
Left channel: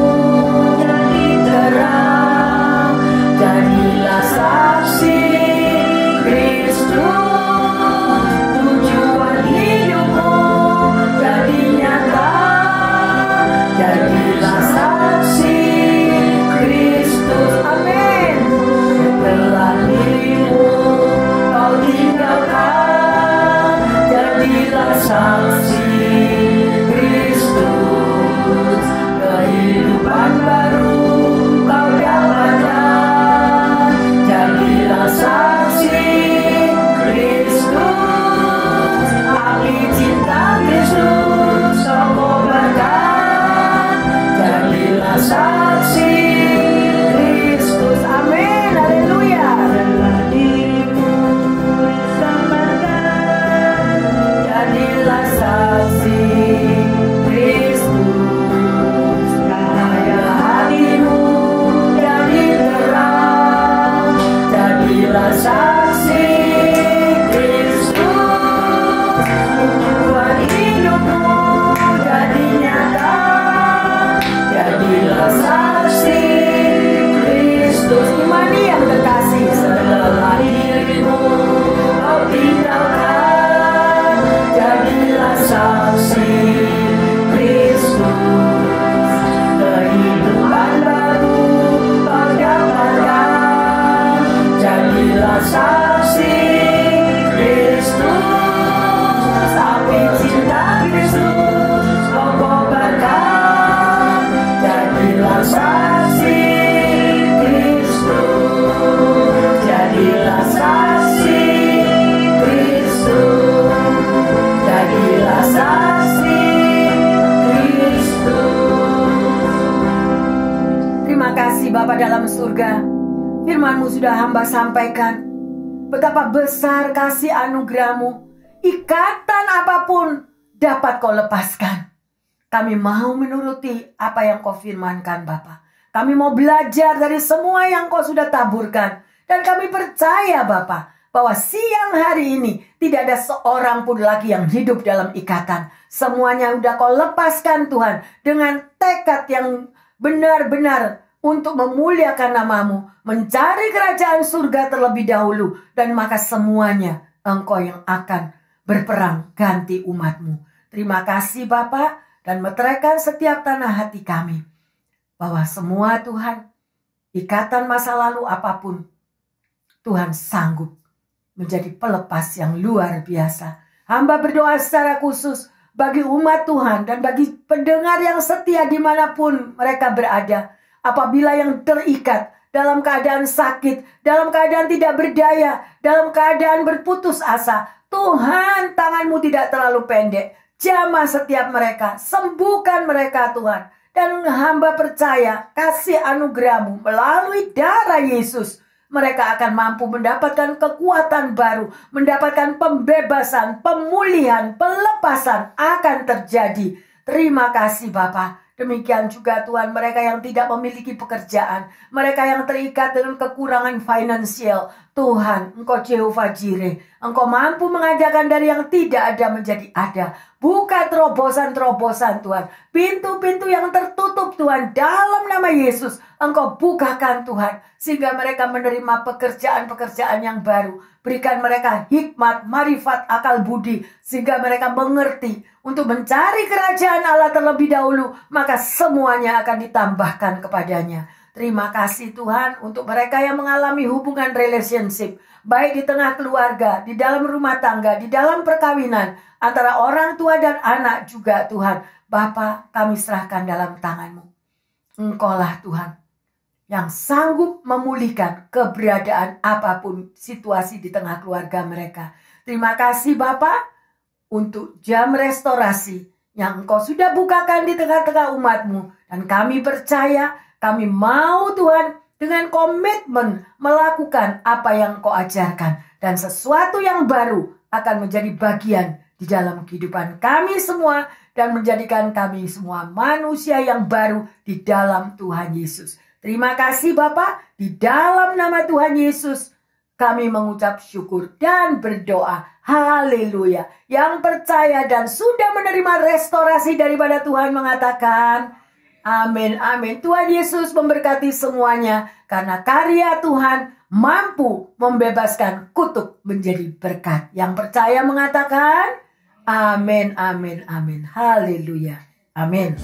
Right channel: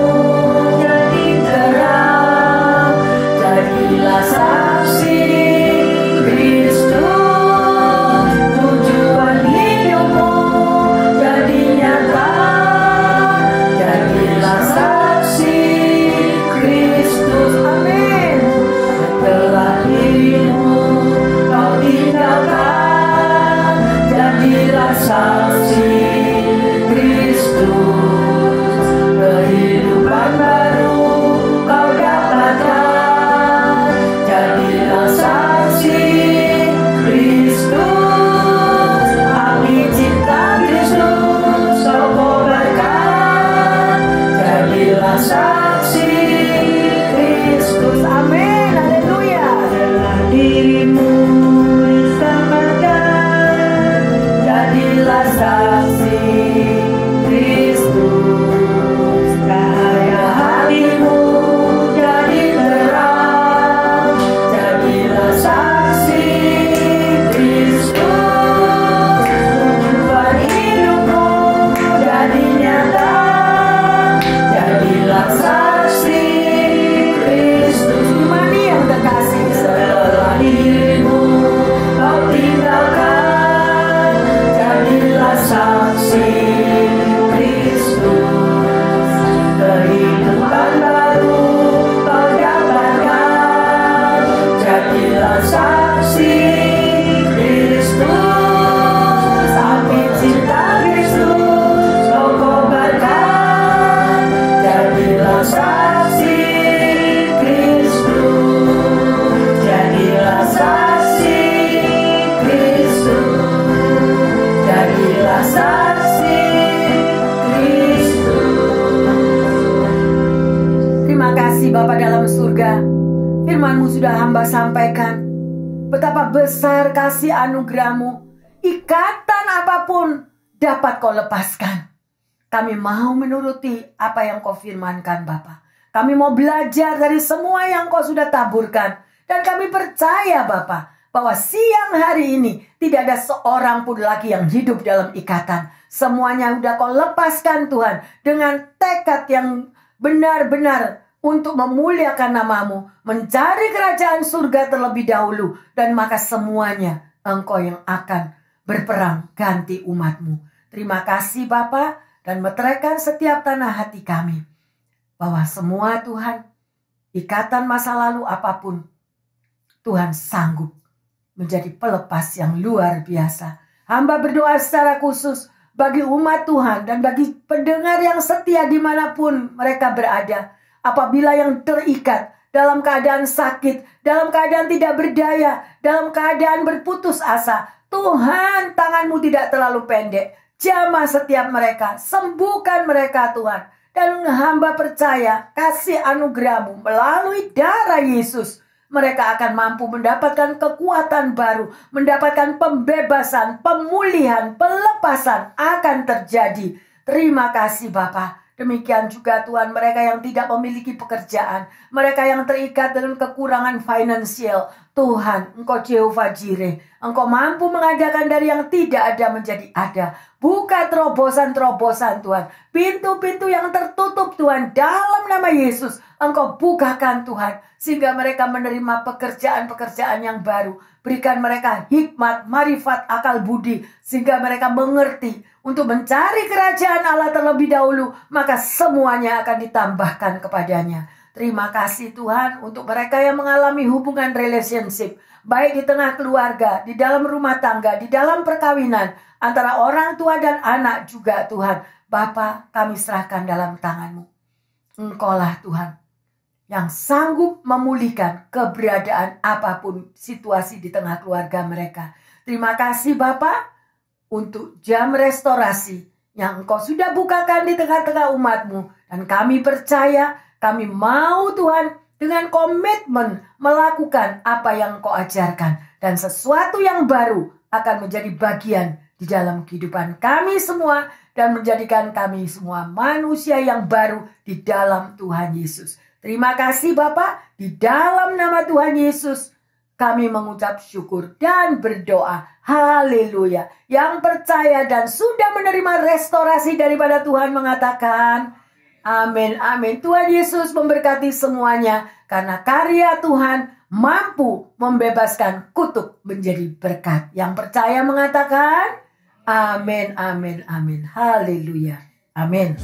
jadi terang, Jadilah saksi Kristus, tujuan hidupmu jadi nyata. Jadilah saksi Kristus, amin. Setelah dirimu kau tinggalkan, jadilah saksi Kristus. Kehidupan baru kau dapatkan, jadilah saksi Kristus. Api cinta Kristus kau kobarkan, jadilah saksi Kristus, amin, haleluya. Setelah dirimu diselamatkan, jadilah saksi Kristus. Cahaya hatimu jadi terang, jadilah saksi Kristus. Tujuan hidupmu jadi nyata, jadilah saksi Kristus. Imani yang terkasih, setelah dirimu kau tinggalkan, jadilah saksi Kristus. Kehidupan baru kau dapatkan, jadilah saksi Kristus. Api cinta Kristus kau kobarkan, jadilah saksi Kristus. Jadilah saksi Kristus. Jadilah saksi Kristus. Terima kasih Bapa dalam surga, firman-Mu sudah hamba sampaikan. Betapa besar kasih anugerah-Mu, ikatan apapun dapat Kau lepaskan. Kami mau menuruti apa yang Kau firmankan Bapa. Kami mau belajar dari semua yang Kau sudah taburkan. Dan kami percaya Bapa, bahwa siang hari ini tidak ada seorang pun lagi yang hidup dalam ikatan. Semuanya sudah Kau lepaskan Tuhan, dengan tekad yang benar-benar untuk memuliakan nama-Mu, mencari kerajaan surga terlebih dahulu, dan maka semuanya Engkau yang akan berperang ganti umat-Mu. Terima kasih Bapa, dan meteraikan setiap tanah hati kami, bahwa semua Tuhan, ikatan masa lalu apapun, Tuhan sanggup menjadi pelepas yang luar biasa. Hamba berdoa secara khusus bagi umat Tuhan dan bagi pendengar yang setia dimanapun mereka berada. Apabila yang terikat dalam keadaan sakit, dalam keadaan tidak berdaya, dalam keadaan berputus asa, Tuhan, tangan-Mu tidak terlalu pendek. Jamah setiap mereka, sembuhkan mereka Tuhan. Dan hamba percaya kasih anugerah-Mu melalui darah Yesus, mereka akan mampu mendapatkan kekuatan baru, mendapatkan pembebasan, pemulihan, pelepasan akan terjadi. Terima kasih Bapa. Demikian juga Tuhan, mereka yang tidak memiliki pekerjaan, mereka yang terikat dengan kekurangan finansial, Tuhan, Engkau Jehovah Jireh, Engkau mampu mengadakan dari yang tidak ada menjadi ada. Buka terobosan-terobosan Tuhan, pintu-pintu yang tertutup Tuhan, dalam nama Yesus Engkau bukakan Tuhan, sehingga mereka menerima pekerjaan-pekerjaan yang baru. Berikan mereka hikmat, marifat, akal budi, sehingga mereka mengerti untuk mencari kerajaan Allah terlebih dahulu, maka semuanya akan ditambahkan kepadanya. Terima kasih Tuhan untuk mereka yang mengalami hubungan relationship, baik di tengah keluarga, di dalam rumah tangga, di dalam perkawinan, antara orang tua dan anak juga Tuhan. Bapa, kami serahkan dalam tangan-Mu. Engkaulah Tuhan yang sanggup memulihkan keberadaan apapun situasi di tengah keluarga mereka. Terima kasih Bapa untuk jam restorasi yang Engkau sudah bukakan di tengah-tengah umat-Mu. Dan kami percaya, kami mau Tuhan dengan komitmen melakukan apa yang Engkau ajarkan. Dan sesuatu yang baru akan menjadi bagian di dalam kehidupan kami semua. Dan menjadikan kami semua manusia yang baru di dalam Tuhan Yesus. Terima kasih Bapa, di dalam nama Tuhan Yesus kami mengucap syukur dan berdoa. Haleluya. Yang percaya dan sudah menerima restorasi daripada Tuhan mengatakan amin, amin. Tuhan Yesus memberkati semuanya. Karena karya Tuhan mampu membebaskan kutuk menjadi berkat. Yang percaya mengatakan, amin, amin, amin. Haleluya. Amin.